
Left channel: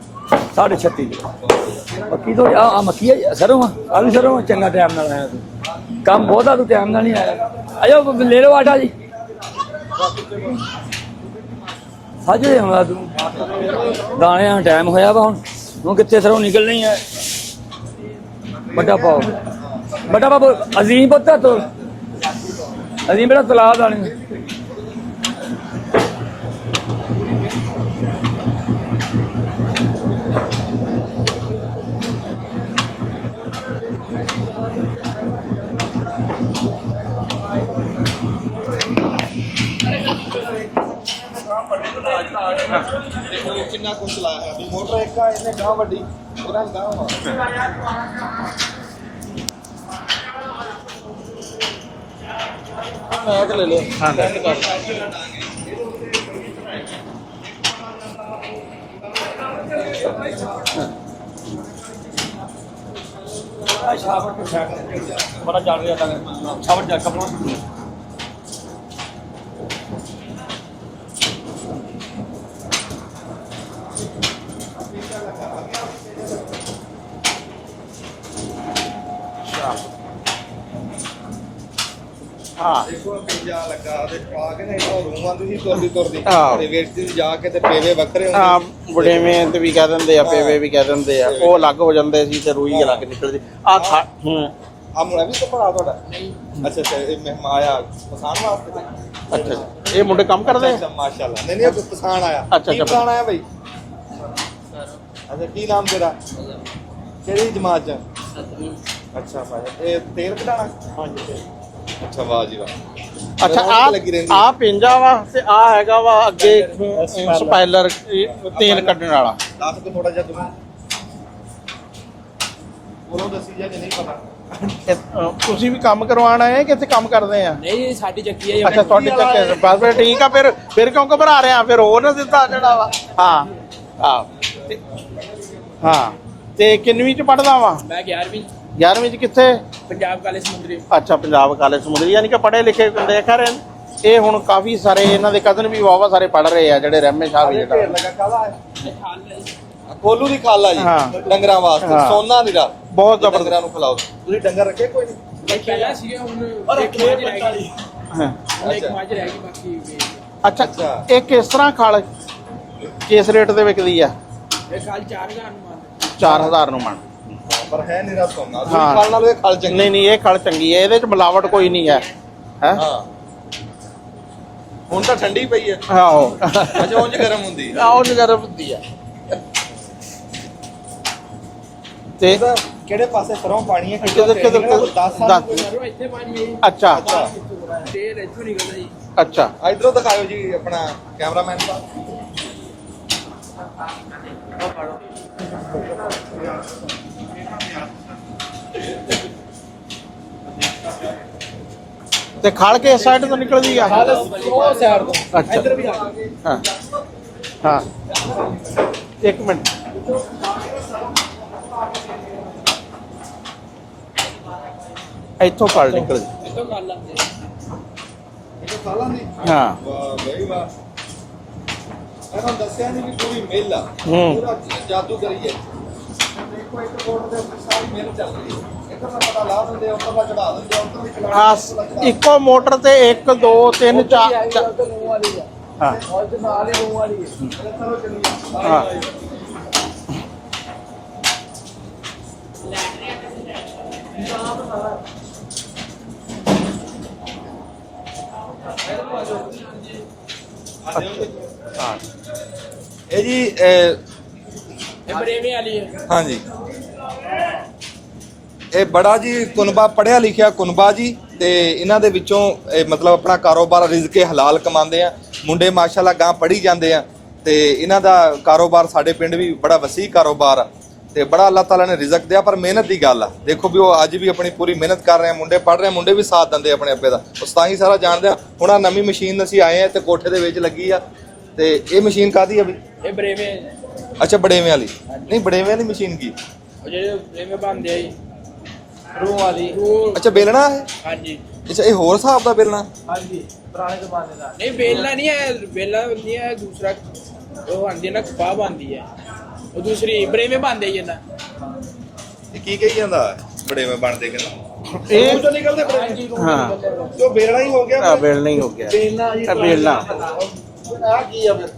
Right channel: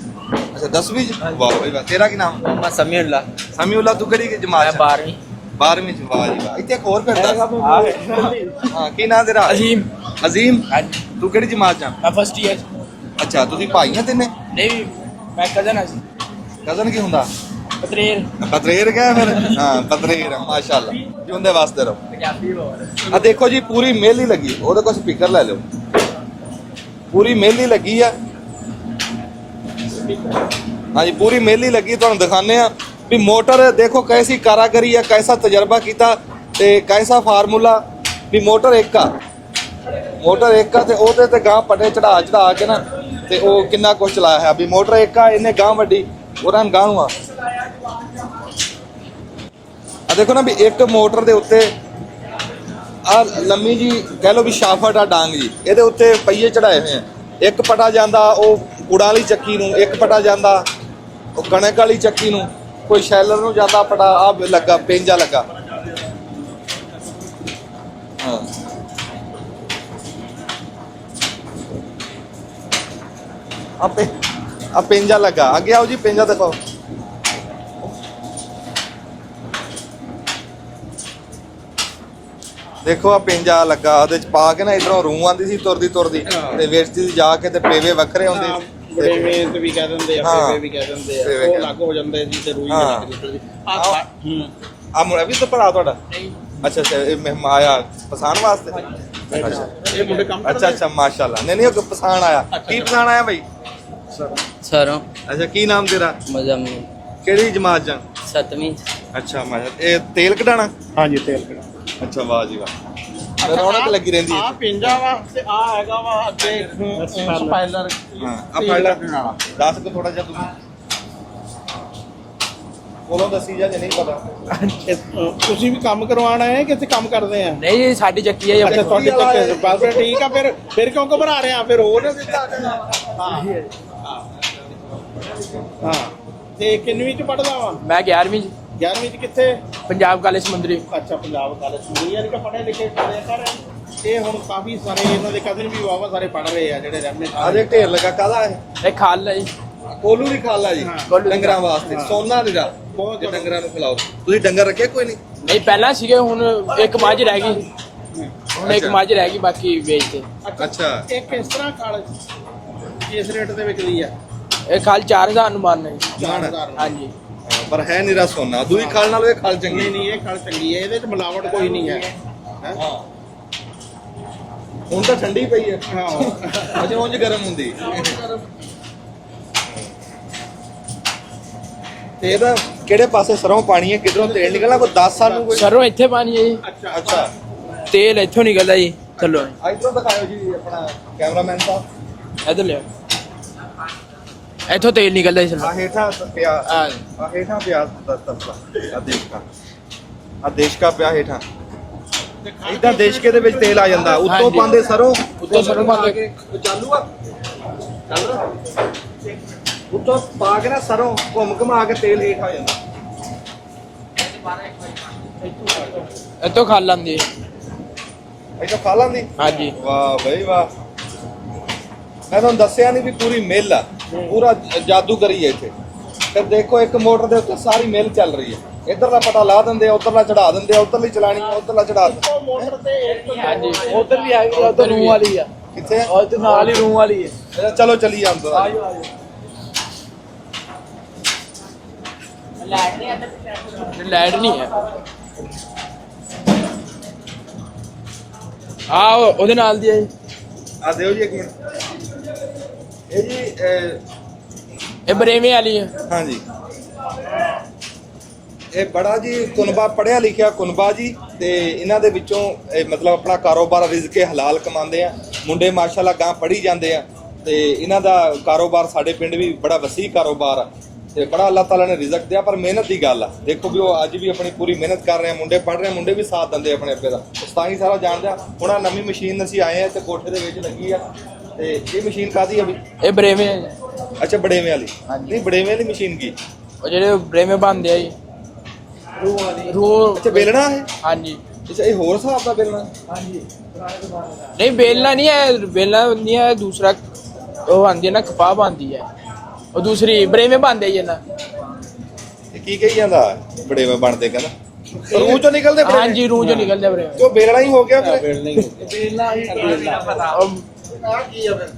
10ਵੀਂ? ਵਾਹ ਬਈ ਵਾਹ। ਤੇਰਾ ਕੀ ਨਾਮ? ਸਮੀਉल्ला ਤੂੰ ਕਿਹੜੀ ਜਮਾਤ? 12ਵੀਂ ਚ। ਕੰਮ ਬਹੁਤ ਆ, ਤੂੰ ਕੈਮਰਾ ਨਹੀਂ ਹੈਗਾ। ਆਇਓ ਲੈ ਲਓ ਆਟਾ ਜੀ। ਕੀ ਨਾਮ ਤੇਰਾ? ਅਜ਼ੀਮ। ਅਜ਼ੀਮ, ਤੂੰ ਕਿਹੜੀ ਜਮਾਤ ਚ? ਹਾਂਜੀ ਹਮਲਾ ਤੂੰ ਅੱਛਾ, ਤੁਸੀਂ ਭਾਈ ਆ ਤਿੰਨੇ? ਦਾਣਿਆਂ ਟਾਈਮ ਹੋਇਆ ਵਾ ਹੁਣ ਕਿੱਥੇ ਸਰੋਂ ਨਿਕਲਣਾ ਹੀ ਕੀ ਹੁੰਦਾ? पत्रेर ਪਤਰੇਰ ਗਿਆ? ਹਾਂ, ਪਤਰੇਰ। ਬੜਾ ਬਾਬੂ, ਮਾਸ਼ਾਅੱਲਾ। ਅਜ਼ੀਮ ਪੁੱਤ ਉਹਦੇ ਵਾਸਤੇ ਰਹੋ। ਆ ਦੇਖੋ ਜੀ, ਪੂਰੀ ਮੇਲੀ ਲੱਗੀ। ਉਹਦੇ ਕੋਲ ਸਪੀਕਰ ਲੈ ਲਿਓ। ਪੂਰੀ ਮੇਲੀ ਲੱਗੀ ਆ। ਹਾਂਜੀ, ਪੂਰੀ ਮੇਲੀ ਲੱਗੀ। ਤੁਹਾਨੂੰ ਦਿਖਾਣੇ ਆ ਵੀ ਮੋਟਰ ਦੇਖੋ ਕੈਸੀ ਕਾਰਾਗਰੀ ਆ, ਕੈਸਾ ਤਜਰਬਾ ਕੀਤਾ ਤੇ ਕੈਸਾ ਫਾਰਮੂਲਾ। ਵੀ ਮੋਟਰ ਇੱਕ ਆ, ਤੇ ਉਹਦੇ ਤੇ ਗਾਂ ਪਟੇ ਚੜਾ ਕੇ ਨਾ ਤੇ ਉਹ ਕਿੰਨਾ ਕੁਝ ਚਲਾਇਆ ਹੈ। ਵੀ ਮੋਟਰ ਇੱਕ ਆ, ਇਹਨੇ ਗਾਂ ਵੱਡੀ, ਉਹਨਾਂ ਨੂੰ ਗਾਂ ਨੂੰ ਆ ਦੇਖੋ ਨਾ ਵੀ ਇੱਕ ਮੋਟਰ ਦੇ ਉੱਤੇ ਆ ਲੰਮੀ ਜੀ ਕਹਿ ਲਓ ਵੀ ਸ਼ਾਫਟ ਆ ਡਾਂਗ ਜੀ, ਇਹਦੇ ਉੱਤੇ ਪਹੀਏ ਚੜਾਏ ਹੋਏ ਆ। ਇੱਕ ਪਟਾ ਜਾਂਦਾ ਉਹ ਗੁੜਾਂ ਵਾਲੀ ਚੱਕੀ ਨੂੰ, ਇੱਕ ਪਟਾ ਜਾਂਦਾ ਉਹ ਕਣਕ ਵਾਲੀ ਚੱਕੀ ਨੂੰ, ਕੋਈ ਸ਼ੈਲਰ ਨੂੰ ਜਾਂਦਾ ਪਟਾ। ਆ ਲੱਗਾ ਪੇਂਜਾ ਲੱਗਾ। ਹਾਂ, ਆ ਪੇਂਜਾ ਲੱਗਾ। ਅੱਗੇ ਆਓ ਜੀ, ਪੇਂਜਾ ਦਿਖਾਓ। ਦੇਖੋ ਆ ਪੇਂਜਾ ਲੱਗਾ, ਉਹਦੇ ਚ ਪਾ ਕੇ ਨਾ ਇਧਰੋਂ ਰੂਹ ਆਂਦੀ ਸੀ ਤੁਰਦੀ ਤੇ ਵੇਚਦੀ ਸੀ ਜਾ ਕੇ, ਤੇ ਪੇਵੇ ਵੱਖਰੇ ਹੁੰਦੇ। ਬੜੇਵੇਂ ਤੇ ਵੀ ਕਹਿ ਦਿੰਦੇ ਆ, ਪੇਵੇ ਵੀ ਕਹਿ ਦਿੰਦੇ ਆ, ਉਹ ਅਲੱਗ ਹੋ ਜਾਂਦੇ ਸੀ ਤੇ ਰੂਈ ਅਲੱਗ ਨਿਕਲਦੀ। ਆ ਮੁੰਡਾ ਵੀ ਤਾਂ ਭਰਾ ਤੁਹਾਡਾ? ਅੱਛਾ, ਇਹ ਮਹਿਮਾਨ ਆਇਆ ਪਛਾਣ ਵਾਸਤੇ? ਅੱਛਾ, ਇਹ ਮੁੰਡੇ ਕੰਮ ਕਰਦੇ? ਅੱਛਾ, ਮਾਸ਼ਾਅੱਲਾ। ਨਹੀਂ ਉਹ ਪਛਾਣ ਆਇਆ। ਅੱਛਾ, ਕੀ ਪਛਾਣ ਆਇਆ ਬਈ? सरों ਅੱਛਾ, ਕੀ ਨਾਮ ਤੇਰਾ? मजम्मी ਕਿਹੜੀ ਜਮਾਤ ਚ? 7वीं ਅੱਛਾ, ਇਹ ਤੇਲ ਕਢਾਣਾ? ਹਾਂਜੀ, ਤੇਲ। ਅੱਛਾ, ਵਾਹ ਜੀ ਵਾਹ। ਅੱਛਾ, ਲੱਗੀ ਰਹਿੰਦੀ ਆ ਪਿੰਜਾ ਵਾ ਤੇ ਆ ਹੈਗਾ ਵਾ ਅੱਗੇ ਸਪਾਇਲਰ, ਤੇਲ ਕੱਢਣ ਵਾਲਾ। ਦੱਸ ਕੋ ਥੋੜਾ ਜਿਹਾ ਤੁਸੀਂ। ਕੋਲੋਂ ਦੱਸੀ ਜਾ ਜੇ ਨਹੀਂ ਪਤਾ। ਤੁਸੀਂ ਵੀ ਕੰਮ ਕਰਵਾਉਣ ਆਏ ਆ ਕਿ ਇੱਥੇ ਕੰਮ ਕਰਦੇ ਆ? ਨਹੀਂ ਸਾਡੀ ਚੱਕੀ ਹੈ ਅੱਛਾ ਤੁਹਾਡੀ ਚੱਕੇ ਬਸ ਠੀਕ ਆ। ਫਿਰ ਕਿਉਂ ਘਬਰਾ ਰਹੇ ਆ? ਫਿਰ ਹੋਰ ਨਾ ਦਿੱਤਾ ਜਿਹੜਾ ਵਾ। ਹਾਂ ਹਾਂ ਤੇ ਕਿੰਨਵੀਂ ਚ ਪੜਦਾ ਵਾ? ਮੈਂ 11ਵੀਂ 11ਵੀਂ ਚ ਕਿੱਥੇ? ਪੰਜਾਬ ਕਾਲਜ ਸਮੁੰਦਰੀ। ਅੱਛਾ ਪੰਜਾਬ ਕਾਲਜ ਸਮੁੰਦਰੀ, ਯਾਨੀ ਕਿ ਪੜ੍ਹੇ ਲਿਖੇ ਦੇਖ ਰਹੇ ਨੇ। ਇਹ ਹੁਣ ਕਾਫੀ ਸਾਰੇ ਇਹਨਾਂ ਦੇ ਕਜ਼ਨ ਵੀ ਵਾਵਾ ਸਾਰੇ ਪੜ੍ਹ ਰਹੇ ਆ ਜਿਹੜੇ ਰਹਿਮੇ ਸ਼ਾਹ ਅਜੇ ਢੇਰ ਲੱਗਾ ਕਾਹਦਾ ਹੈ? ਇਹ ਖਾਲ ਹੈ ਜੀ। ਕੋਲੂ ਦੀ ਖਾਲਾ ਜੀ, ਹਾਂ। ਡੰਗਰਾਂ ਵਾਸਤੇ ਹਾਂ। ਸੋਨਾ ਨੀਰਾ ਬਹੁਤ ਜੇ ਡੰਗਰਾਂ ਨੂੰ ਖਿਲਾਓ। ਤੁਸੀਂ ਡੰਗਰ ਰੱਖੇ ਕੋਈ ਨਹੀਂ? ਨਹੀਂ ਪਹਿਲਾਂ ਸੀਗੇ, ਹੁਣ ਇੱਕ ਮੱਝ ਰਹਿ ਗਈ। ਹਾਂ। ਹੁਣ ਇੱਕ ਮੱਝ ਰਹਿ ਗਈ, ਬਾਕੀ ਵੇਚਤੇ। ਅੱਛਾ ਇਹ ਕਿਸ ਤਰ੍ਹਾਂ ਖਲ ਕਿਸ ਰੇਟ ਦੇ ਵਿਕਦੀ ਆ? ਇਹ ਖਾਲ 4000 ਨੂੰ ਮਾਰਨਾ ਜੀ। 4000 ਨੂੰ ਹਾਂਜੀ। ਪਰ ਹੈ ਨੀਰਾ ਸੋਨਾ। ਦੂਜੀ ਹਾਂ। ਖਾਲ ਨਾਲੋਂ ਇਹ ਖਾਲ ਚੰਗੀ। ਨਹੀਂ ਨਹੀਂ ਇਹ ਖਲ ਚੰਗੀ ਹੈ, ਇਹਦੇ ਚ ਮਿਲਾਵਟ ਕੋਈ ਨਹੀਂ ਹੈ। ਹੈ ਹਾਂ ਹੁਣ ਤਾਂ ਠੰਡੀ ਪਈ ਹੈ। ਆਹੋ ਅਜੇ ਉਂਝ ਗਰਮ ਹੁੰਦੀ। ਆਹ ਨਜ਼ਰ ਹੁੰਦੀ ਆ। ਤੇ ਇਹਦਾ ਕਿਹੜੇ ਪਾਸੇ ਸਰੋਂ ਪਾਣੀ ਹੈ? ਕਿੱਧਰੋਂ ਤੇਲ ਨਿਕਲਣਾ? ਕੋਈ 10 ਸਾਲ ਨੂੰ ਕੋਈ? ਸਰੋਂ ਇੱਥੇ ਪਾਣੀ ਹੈ ਜੀ, ਅੱਛਾ ਅੱਛਾ ਤੇਲ ਇੱਥੋਂ ਨਿਕਲਦਾ ਜੀ। ਚਲੋ ਅੱਛਾ ਇਧਰੋਂ ਦਿਖਾਓ ਜੀ ਆਪਣਾ ਕੈਮਰਾਮੈਨ ਸਾਹਿਬ। ਇੱਧਰ ਲਿਓ, ਇੱਥੋਂ ਤੇਲ ਨਿਕਲਦਾ ਜੀ ਸਰੋਂ। ਆ ਹੇਠਾਂ ਪਿਆ, ਹਾਂ ਆ ਹੇਠਾਂ ਪਿਆ ਆ ਦੇਖਾ ਆ ਦੇਸ਼ ਕਾ ਪਿਆ ਹੇਠਾਂ। ਤੇ ਖਲ ਕੇ ਸਾਈਡ ਦੇ ਵਿੱਚ ਤੇਲ ਆ ਜਾਂਦਾ। ਉੱਤੋਂ ਪਾਉਂਦੇ ਸਰੋਂ। ਅੱਛਾ ਸਰੋਂ ਪਾ ਕੇ। ਹਾਂ ਚਾਲੂ ਆ। ਹਾਂ ਇੱਕ ਮਿੰਟ ਉੱਤੋਂ ਪਾ ਕੇ ਨਾ ਸਰੋਂ ਘੁੰਮ ਘਮਾ ਕੇ ਤੇਲ ਹੇਠ ਆ ਜਾਂਦਾ। ਇੱਥੋਂ ਫਲ ਨਿਕਲ ਇੱਥੋਂ ਖਾਲ ਆਉਂਦੀ ਹੈ। ਇਹ ਤਾਂ ਖਾ ਲਾਂਦੀ। ਹਾਂਜੀ। ਵਾਹ ਬਈ ਵਾਹ। ਮੈਂ ਤੁਹਾਨੂੰ ਦੱਸਿਆ ਨਹੀਂ ਵੀ ਪੂਰੀ ਮਿੱਲ ਆ, ਹੂੰ। ਪੂਰਾ ਜਾਦੂਗਰੀ ਹੈ ਇੱਥੇ। ਫਿਰ ਦੇਖੋ ਇੱਕ ਮੋਟਰ ਦੇ ਉੱਤੇ ਸਾਰੀ ਮਿੱਲ ਚੱਲ ਰਹੀ ਹੈ। ਇੱਧਰ ਦਾ ਪਤਾ ਲਾ ਦਿੰਦੇ ਆ, ਉੱਧਰਲਾ ਚੜਾ ਦਿੰਦੇ ਆ, ਉੱਧਰਲੀ ਚਲਾਣੀ ਉੱਧਰਲਾ ਚੜਾ। ਇੱਕੋ ਮੋਟਰ ਤੇ 1 2 3 4 ਰੂਹ ਵਾਲੀ ਆ। ਕਿੱਥੇ ਆ? ਉਹ ਤੇ ਨਾਲ ਹੀ ਰੂਹ ਵਾਲੀ ਹੈ। ਚਲੋ ਚਲੀ ਜਾਂਦੇ ਲਾਈਟ ਨਹੀਂ ਹੈ। ਆਹ ਉਹਦੇ ਨਾਲ ਦੀ ਹੈ ਜੀ। ਆ ਦਿਓ ਜੀ ਇੱਕ ਮਿੰਟ। ਹਾਂ ਇਹ ਜੀ ਇਹ ਬਰੇਵੇਂ ਵਾਲੀ ਹੈ। ਹਾਂਜੀ ਇਹ ਬੜਾ ਜੀ ਕੁਨਬਾ ਪੜਿਆ ਲਿਖਿਆ ਕੁਨਬਾ ਜੀ। ਤੇ ਇਹਨਾਂ ਦੇ ਵਿੱਚੋਂ ਇਹ ਮਤਲਬ ਆਪਣਾ ਕਾਰੋਬਾਰ ਰਿਜ਼ਕੇ ਹਲਾਲ ਕਮਾਉਂਦੇ ਆ। ਮੁੰਡੇ ਮਾਸ਼ਾਅੱਲਾ ਗਾਂ ਪੜ੍ਹੀ ਜਾਂਦੇ ਆ ਤੇ ਇਹਨਾਂ ਦਾ ਕਾਰੋਬਾਰ ਸਾਡੇ ਪਿੰਡ ਵੀ ਬੜਾ ਵਸੀ ਕਾਰੋਬਾਰ ਆ ਤੇ ਬੜਾ ਅੱਲਾਹ ਤਾਲਾ ਨੇ ਰਿਜ਼ਕ ਦਿਆ। ਪਰ ਮਿਹਨਤ ਦੀ ਗੱਲ ਆ। ਦੇਖੋ ਵੀ ਉਹ ਅੱਜ ਵੀ ਆਪਣੀ ਪੂਰੀ ਮਿਹਨਤ ਕਰ ਰਹੇ ਆ। ਮੁੰਡੇ ਪੜ੍ਹ ਰਹੇ ਆ, ਮੁੰਡੇ ਵੀ ਸਾਥ ਦਿੰਦੇ ਆਪਣੇ ਅੱਬੇ ਦਾ। ਉਸ ਤਾਂ ਹੀ ਸਾਰਾ ਜਾਣਦੇ ਆ। ਹੁਣ ਆ ਨਵੀਂ ਮਸ਼ੀਨ ਅਸੀਂ ਆਏ ਆ ਤੇ ਕੋਠੇ ਦੇ ਵਿੱਚ ਲੱਗੀ ਆ। ਤੇ ਇਹ ਮਸ਼ੀਨ ਕਾਹਦੀ ਆ ਵੀ? ਇਹ ਬਰੇਵੇਂ ਹੈ। ਅੱਛਾ ਬੜੇਵੇਂ ਵਾਲੀ। ਨਹੀਂ ਬੜੇਵੇਂ ਵਾਲੀ ਮਸ਼ੀਨ ਕੀ? ਉਹ ਜਿਹੜੇ ਬਰੇਵੇਂ ਬਣਦੇ ਆ ਜੀ, ਰੂਹ ਵਾਲੀ। ਰੂਹ ਅੱਛਾ ਬੇਲਣਾ ਹੈ। ਹਾਂਜੀ ਅੱਛਾ ਇਹ ਹੋਰ ਹਿਸਾਬ ਦਾ ਬੇਲਣਾ? ਨਹੀਂ ਬੇਲਣਾ ਨਹੀਂ ਹੈ, ਬੇਲਣਾ ਨਹੀਂ ਹੈ। ਦੂਸਰਾ ਉਹ ਆਂਦੀ ਹੈ ਨਾ, ਕਪਾਹ ਬਣਦੀ ਹੈ। ਉਹ ਦੂਸਰੀ ਬਰੇਵੇਂ ਬਣਦੇ ਜੀ ਨਾ। ਤੇ ਕੀ ਕਹੀ ਜਾਂਦਾ ਬੜੇਵੇਂ ਬਣਦੇ ਕਹਿੰਦਾ? ਰੂਹ ਚੋਂ ਨਿਕਲਦੇ ਬੜੇਵੇਂ? ਹਾਂਜੀ ਰੂਹ ਚੋਂ ਨਿਕਲਦੇ ਬਰੇਵੇਂ। ਜੋ ਬੇਲਣਾ ਹੀ ਹੋ ਗਿਆ ਫਿਰ। ਬੇਲ ਨਹੀਂ ਹੋ ਗਿਆ ਬੇਲਣਾ ਹੀ ਬੇਲਣਾ। ਆ ਕੀ ਆ ਫਿਰ?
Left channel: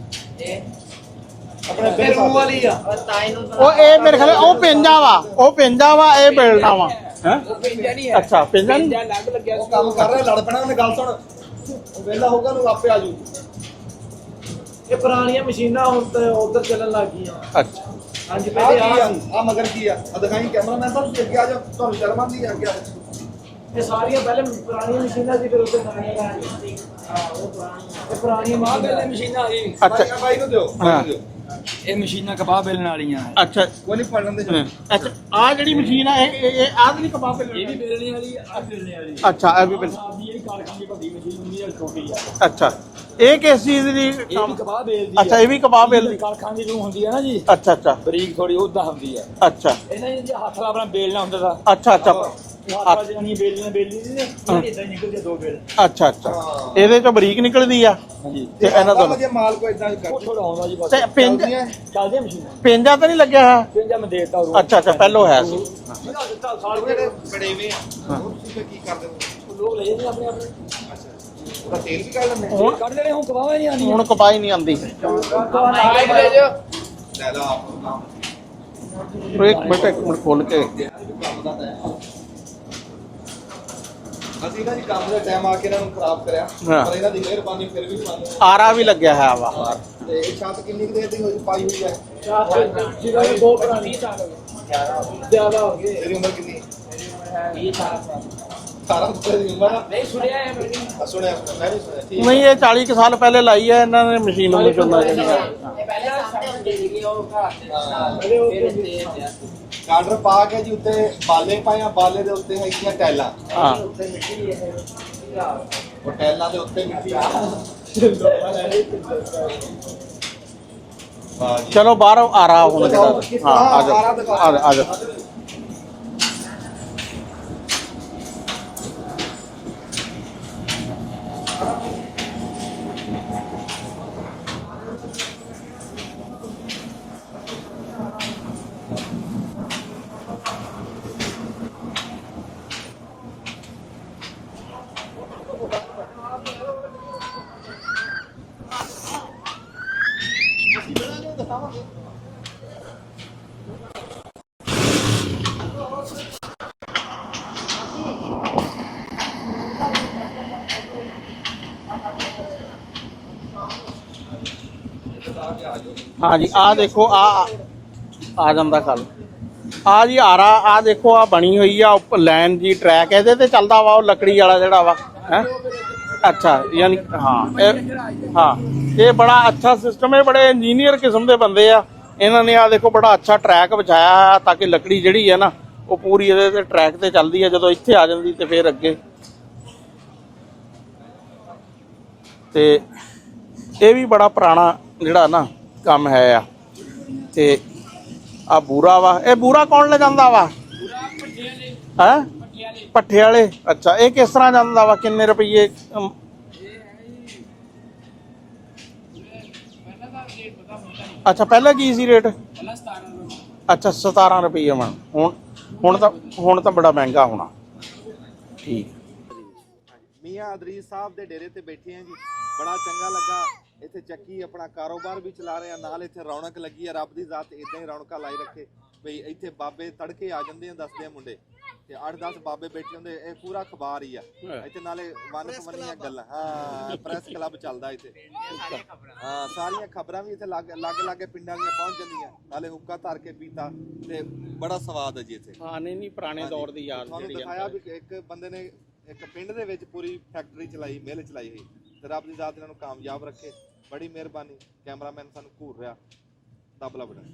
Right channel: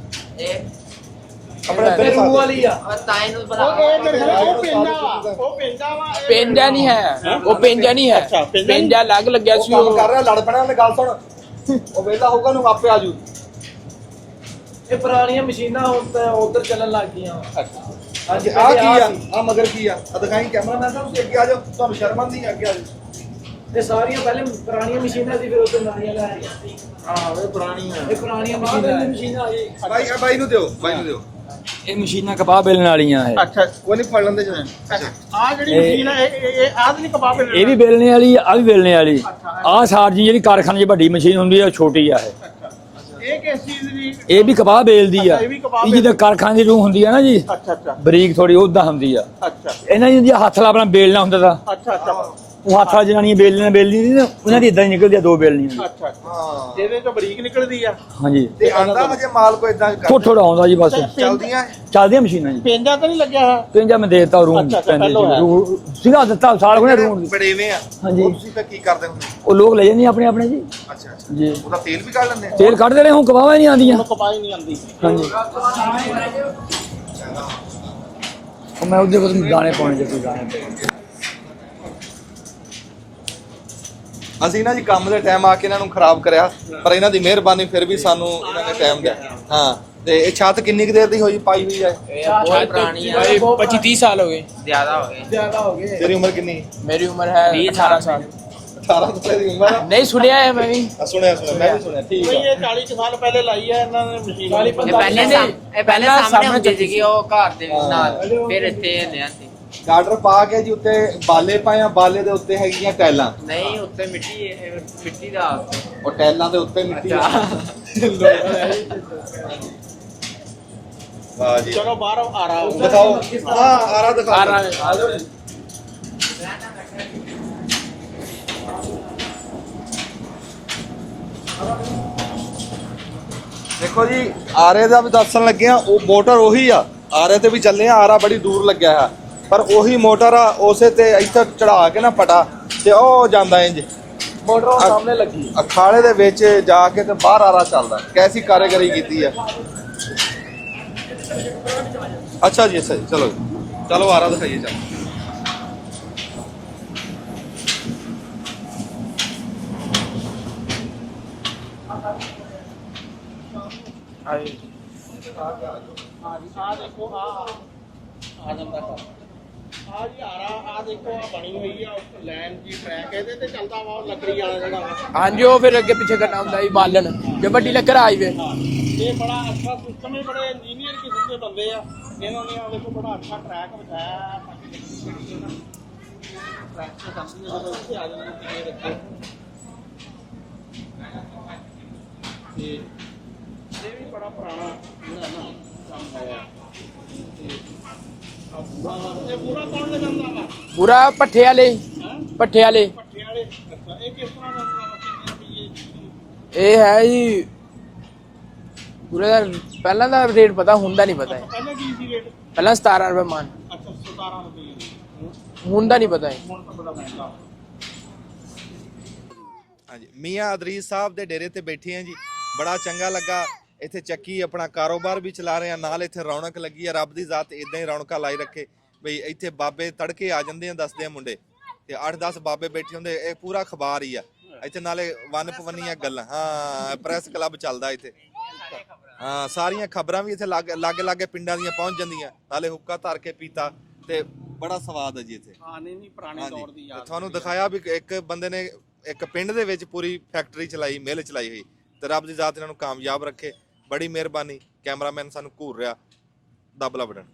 ਆਪਣੇ ਰੂਹ ਵਾਲੀ ਆ। ਉਹ ਇਹ ਮੇਰੇ ਖਿਆਲ ਉਹ ਪੈਂਜਾ ਵਾ, ਉਹ ਪੈਂਜਾ ਵਾ, ਇਹ ਪੈਂਜਾ ਬੇਲਣਾ ਨਹੀਂ ਵਾ। ਹੈ, ਉਹ ਪੈਂਜਾ ਨਹੀਂ ਹੈ। ਅੱਛਾ, ਪੈਂਜਾ ਨਹੀਂ? ਪੈਂਜਾ ਅਲੱਗ ਲੱਗਿਆ ਸੀ। ਕੰਮ ਉਹ ਕਰ ਰਿਹਾ ਲੜ ਪੈਣਾ ਤੇ ਗੱਲ ਸੁਣ। ਉਹ ਵੇਲਾ ਹੋਊਗਾ ਨੂੰ ਆਪੇ ਆ ਜੂ। ਇਹ ਪੁਰਾਣੀਆਂ ਮਸ਼ੀਨਾਂ ਹੁਣ ਤਾਂ ਉਧਰ ਚੱਲਣ ਲੱਗ ਗਈਆਂ। ਅੱਛਾ ਹਾਂਜੀ ਆ ਕੀ ਪਹਿਲੇ ਆ? ਆ ਆ ਮਗਰ ਕੀ ਆ? ਆ ਦਿਖਾਈ ਕੈਮਰਾਮੈਨ ਸਾਹਿਬ ਤੁਸੀਂ ਅੱਗੇ ਆ ਜਾਓ। ਤੁਹਾਨੂੰ ਸ਼ਰਮ ਆਉਂਦੀ ਆ? ਅੱਗੇ ਆ ਜਾਓ। ਇਹ ਸਾਰੀਆਂ ਪਹਿਲੇ ਪੁਰਾਣੀਆਂ ਮਸ਼ੀਨਾਂ ਸੀ, ਫਿਰ ਉਧਰ ਨਵੀਆਂ ਲਾਈਆਂ। ਹਾਂ ਇਹ ਪੁਰਾਣੀ ਆ। ਇਹ ਪੁਰਾਣੀਆਂ ਮਸ਼ੀਨਾਂ ਸੀ। ਬਾਈ ਬਾਈ ਨੂੰ ਦਿਓ, ਬਾਈ ਨੂੰ ਦਿਓ। ਇਹ ਮਸ਼ੀਨਾਂ ਕਪਾਹ ਬੇਲਣ ਵਾਲੀਆਂ ਹੈ। ਅੱਛਾ ਕੋਈ ਨਹੀਂ ਫੜ ਲੈਂਦੇ ਜੀ। ਆ ਜਿਹੜੀ ਮਸ਼ੀਨ ਹੈ ਇਹ ਆਹ ਨਹੀਂ ਕਬਾਬ ਇਹ ਵੀ ਬੇਲਣੇ ਵਾਲੀ ਆ ਵੀ ਬੇਲਣੇ ਵਾਲੀ। ਅੱਛਾ, ਆਹ ਸਾਰਜੀ ਜਿਹੜੀ ਕਾਰਖਾਨੇ 'ਚ ਵੱਡੀ ਮਸ਼ੀਨ ਹੁੰਦੀ ਆ, ਛੋਟੀ ਆ ਇਹ। ਅੱਛਾ ਇਹ ਕਿਸ ਚੀਜ਼ ਦੀ? ਇਹ ਵੀ ਕਪਾਹ ਬੇਲਦੀ ਆ। ਅੱਛਾ, ਇਹ ਵੀ ਕਪਾਹ ਜਿੱਦਾਂ ਬੇਲਦੀ। ਕਾਰਖਾਨੇ ਦੀ ਰੂਹ ਹੁੰਦੀ ਆ ਨਾ ਜੀ, ਅੱਛਾ ਅੱਛਾ ਬਰੀਕ ਥੋੜੀ ਉਦਾਂ ਹੁੰਦੀ ਆ। ਅੱਛਾ ਇਹਨਾਂ ਦੀ ਹੱਥ ਨਾਲ ਆਪਣਾ ਬੇਲਣਾ ਹੁੰਦਾ ਤਾਂ ਅੱਛਾ ਅੱਛਾ ਉਹ ਹੱਥ ਨਾਲ ਜਨਾਨੀਆਂ ਬੇਲਣਾ ਬੇਲਦੀ ਨਹੀਂ ਨਾ, ਉਹਨਾਂ ਦੀ ਇਦਾਂ ਹੀ ਨਿਕਲਦੀ ਆ, ਦੋ ਬੇਲਣੀਆਂ। ਅੱਛਾ ਅੱਛਾ ਇਹਦੇ ਚੋਂ ਬਰੀਕ ਨਿਕਲਦੀ ਆ ਹਾਂਜੀ ਤੇ ਆਂਦਾ ਮੁਝੇ ਮਾਲ ਕੋ ਇਦਾਂ ਥੋੜਾ ਥੋੜਾ ਆਉਂਦਾ ਜੀ ਬਸ। ਤੇ ਚੱਲਦੀਆਂ ਚੱਲਦੀਆਂ ਮਸ਼ੀਨਾਂ ਜੀ। ਪੈਂਜਾ ਤਾਂ ਨਹੀਂ ਲੱਗਿਆ ਹੈ? ਕਹਿੰਦਾ ਮੈਂ ਦੇਤਾ ਰੂਮ ਅੱਛਾ, ਅੱਛਾ, ਪਹਿਲੋਂ ਹੈ। ਸੀਗਾ ਦਿੱਤਾ ਸਾਲ ਕੋਨੇ ਰੂਮ। ਬੜੇਵੇਂ ਆ। ਹਾਂਜੀ। ਤੁਸੀਂ ਫਿਰ ਕੀ ਕਰਦੇ ਹੋ? ਉਹ ਲੋਕ ਲੈ ਜਾਂਦੇ ਆਪਣੇ ਆਪਣੇ ਜੀ। ਅੱਛਾ ਅੱਛਾ ਜੀ ਉਹਦਾ ਤੇਲ ਵੀ ਕੱਢ ਲੈਂਦੇ ਆ? ਤੇਲ ਕੱਢਦੇ ਨੇ, ਹੁਣ ਕਵਾਵਾ ਹੀ ਨਹੀਂ ਆਉਂਦੀਆਂ। ਹੁਣ ਕਪਾਈ ਨਹੀਂ ਆਉਂਦੀ। ਹਾਂਜੀ ਲੈ ਲਾ ਉਹ ਮੈਂ ਉਹਦੇ ਕੋਲ ਦਾਣੇ ਪਾਉਂਦਾ। ਖੋਲ ਕੇ ਅਸੀਂ ਨਾ ਜੀ ਕੰਮ ਦੇ ਟਾਈਮ ਆ ਕੇ ਇਹਨਾਂ ਨੂੰ ਖਰਾਬ ਕਰਿਆ। ਹਾਂ। ਪਰ ਇਹਨਾਂ ਦੀ ਮਿਹਰਬਾਨੀ ਫਿਰ ਵੀ ਸਾਨੂੰ ਆਰਾ ਵੀ ਲੱਗਿਆ ਹੈ ਵਾ। ਹਾਂ ਤੇ ਇਹ ਛੱਤ ਕਿੰਨੀ ਕੁ ਦੇਰ ਦੀ ਹੋਈ ਪਾਈ ਹੋਈ ਹੈ? ਪੁਰਾਣੀ ਹੈ। 25-30 ਸਾਲ ਹੋ ਗਏ। ਜ਼ਿਆਦਾ ਹੋ ਗਏ। ਤੇਰੀ ਉਮਰ ਕਿੰਨੀ? ਮੇਰੀ ਉਮਰ ਹੈ 18 ਸਾਲ। 18 ਸਾਲ ਦੀ ਉਮਰ ਆ? ਨਹੀਂ ਸੁਣਿਆ ਹੈ ਮੈਂ ਵੀ। ਸੁਣਿਆ ਮੈਂ ਵੀ ਸੁਣਿਆ। ਠੀਕ ਨਹੀਂ ਇਹ 40 ਕੁ ਸਾਲ ਪਹਿਲੇ ਲਾਈ ਹੈ ਇਹਨਾਂ ਨੇ ਮਸ਼ੀਨ ਵਾਲੀ। ਪਹਿਲੇ ਸਾਹਮਣੇ ਹੁੰਦੀ ਸੀਗੀ ਉਹ ਘਰ ਦੇ ਨਾਲ, ਫਿਰ ਇੱਥੇ ਲਿਆ ਸੀ। ਗਾਡਰ ਪਾ ਕੇ ਜੀ ਉੱਤੇ ਬਾਲੇ ਪਾਇਆ, ਬਾਲੇ ਦੇ ਉੱਤੇ ਹੈਗੀਆਂ ਟੈਲਾਂ। ਨਹੀਂ ਉੱਤੇ ਮਿੱਟੀ ਇਹ ਮਿੱਟੀ ਦਾ ਉਹ ਟੈਲਾਂ ਦੇ ਉੱਤੇ ਮਿੱਟੀ। ਵਾਹ ਜੀ। ਚਲੋ ਬਾਹਰ ਆਰਾ ਹੁਣ ਦਿਖਾਓ। ਹਾਂ ਆਰਾ ਦਿਖਾਓ। ਆ ਜਾਓ। ਦੇਖੋ ਜੀ ਆਰੇ ਦਾ ਵੀ ਦੱਸਣ ਲੱਗੇ ਆ, ਉਹ ਮੋਟਰ ਉਹੀ ਆ, ਆਰੇ ਤੇ ਵੀ ਚੱਲੇ ਆ, ਆਰਾ ਬੜੀ ਦੂਰ ਲੱਗਿਆ ਆ, ਪਰ ਉਹੀ ਮੋਟਰ ਆ, ਉਸੇ ਤੇ ਇੱਥੇ ਚੜਾ ਕੇ ਨਾ ਪਟਾ ਤੇ ਉਹ ਜਾਂਦਾ ਇੰਜ ਮੋਟਰ ਉਹ ਸਾਹਮਣੇ ਲੱਗੀ। ਅਖਾੜੇ ਦੇ ਵਿੱਚ ਜਾ ਕੇ ਤੇ ਬਾਹਰ ਆਰਾ ਚੱਲਦਾ। ਕੈਸੀ ਕਾਰੀਗਰੀ ਕੀਤੀ ਆ। ਅੱਛਾ ਜੀ, ਅੱਛਾ ਜੀ, ਚਲੋ ਚਲੋ ਆਰਾ ਦਿਖਾਈਏ। ਚਲੋ ਹਾਂ ਜੀ, ਆ ਦੇਖੋ ਆ ਜਾਂਦਾ ਕੱਲ ਆ ਜੀ ਆਰਾ, ਆ ਦੇਖੋ ਆ ਬਣੀ ਹੋਈ ਆ ਲਾਈਨ ਜੀ, ਟਰੈਕ ਇਹਦੇ ਤੇ ਚੱਲਦਾ ਵਾ, ਉਹ ਲੱਕੜੀ ਵਾਲਾ ਜਿਹੜਾ ਵਾ। ਹਾਂਜੀ ਉਹ ਫਿਰ ਅੱਗੇ ਪਿੱਛੇ ਕਰਨਾ ਅੱਛਾ, ਹੁੰਦਾ ਬਾਲਣ ਹਾਂ। ਜੇ ਵੱਡੀ ਲੱਕੜ ਹਾਈਵੇ। ਹਾਂ ਇਹ ਬੜਾ ਅੱਛਾ ਸਿਸਟਮ ਹੈ, ਬੜੇ ਇੰਜੀਨੀਅਰ ਕਿਸਮ ਦੇ ਬੰਦੇ ਆ ਇਹਨਾਂ ਨੇ। ਆ ਦੇਖੋ ਬੜਾ ਅੱਛਾ ਟਰੈਕ ਵਿਛਾਇਆ ਹੈ ਤਾਂ ਕਿ ਲੱਕੜੀ ਜਿਹੜੀ ਹੈ ਨਾ ਉਹ ਪੂਰੀ ਇਹਦੇ ਤੇ ਟਰੈਕ ਤੇ ਚੱਲਦੀ ਹੈ। ਜਦੋਂ ਇੱਥੇ ਆ ਜਾਂਦੀ ਤੇ ਫਿਰ ਅੱਗੇ ਤੇ ਇਹ ਵੀ ਬੜਾ ਪੁਰਾਣਾ ਜਿਹੜਾ ਨਾ ਕੰਮ ਹੈ ਆ। ਤੇ ਆ ਬੂਰਾ ਵਾ, ਇਹ ਬੂਰਾ ਕੌਣ ਲੈ ਜਾਂਦਾ ਵਾ? ਪੂਰਾ ਪੱਠੇ ਵਾਲੇ, ਹੈ ਪੱਠੇ ਵਾਲੇ। ਪੱਠੇ ਵਾਲੇ, ਅੱਛਾ। ਇਹ ਕਿਸ ਤਰ੍ਹਾਂ ਜਾਂਦਾ ਵਾ, ਕਿੰਨੇ ਰੁਪਏ? ਇਹ ਹੈ ਜੀ ਪੂਰੇ ਦਾ ਪਹਿਲਾਂ ਦਾ ਰੇਟ ਪਤਾ, ਹੁੰਦਾ ਨਹੀਂ ਪਤਾ। ਅੱਛਾ ਪਹਿਲਾਂ ਕੀ ਸੀ ਰੇਟ? ਪਹਿਲਾਂ 17 ਰੁਪਏ ਮਣ। ਅੱਛਾ 17 ਰੁਪਏ ਮਣ। ਹੁਣ ਤਾਂ ਨਹੀਂ ਪਤਾ। ਹੁਣ ਤਾਂ ਬੜਾ ਮਹਿੰਗਾ ਹੋਣਾ। ਠੀਕ। ਹਾਂਜੀ, ਮੀਆਂ ਅਦਰੀਸ ਸਾਹਿਬ ਦੇ ਡੇਰੇ ਤੇ ਬੈਠੇ ਆ ਜੀ, ਬੜਾ ਚੰਗਾ ਲੱਗਾ। ਇੱਥੇ ਚੱਕੀ ਆਪਣਾ ਕਾਰੋਬਾਰ ਵੀ ਚਲਾ ਰਹੇ ਆ, ਨਾਲ ਇੱਥੇ ਰੌਣਕ ਲੱਗੀ ਆ। ਰੱਬ ਦੀ ਜ਼ਾਤ ਇਦਾਂ ਹੀ ਰੌਣਕਾਂ ਲਾਈ ਰੱਖੇ ਬਈ। ਇੱਥੇ ਬਾਬੇ ਤੜਕੇ ਆ ਜਾਂਦੇ ਆ, ਦੱਸਦੇ ਆ ਮੁੰਡੇ, ਤੇ 8-10 ਬਾਬੇ ਬੈਠੇ ਹੁੰਦੇ। ਇਹ ਪੂਰਾ ਅਖਬਾਰ ਹੀ ਆ ਇੱਥੇ, ਨਾਲੇ ਵਨ ਪਵੰਨੀਆਂ ਗੱਲਾਂ। ਹਾਂ, ਪ੍ਰੈਸ ਕਲੱਬ ਚੱਲਦਾ ਇੱਥੇ। ਹਾਂ, ਸਾਰੀਆਂ ਖਬਰਾਂ ਵੀ ਇੱਥੇ ਲਾਗੇ ਪਿੰਡਾਂ ਦੀਆਂ ਪਹੁੰਚ ਜਾਂਦੀਆਂ, ਨਾਲੇ ਹੁੱਕਾ ਧਰ ਕੇ ਪੀਤਾ, ਤੇ ਬੜਾ ਸਵਾਦ ਹੈ ਜੀ ਇੱਥੇ। ਹਾਂ ਨਹੀਂ ਪੁਰਾਣੇ ਦੌਰ ਦੀ ਯਾਦ ਤੁਹਾਨੂੰ ਦਿਖਾਇਆ ਵੀ ਇੱਕ ਬੰਦੇ ਨੇ ਇੱਕ ਪਿੰਡ ਦੇ ਵਿੱਚ ਪੂਰੀ ਫੈਕਟਰੀ ਚਲਾਈ, ਮਿਲ ਚਲਾਈ ਹੋਈ, ਤੇ ਰੱਬ ਦੀ ਜ਼ਾਤ ਇਹਨਾਂ ਨੂੰ ਕਾਮਯਾਬ ਰੱਖੇ। ਬੜੀ ਮਿਹਰਬਾਨੀ। ਕੈਮਰਾਮੈਨ ਸਾਨੂੰ ਘੂਰ ਰਿਹਾ, ਦੱਬ ਲਾ ਬਟਨ।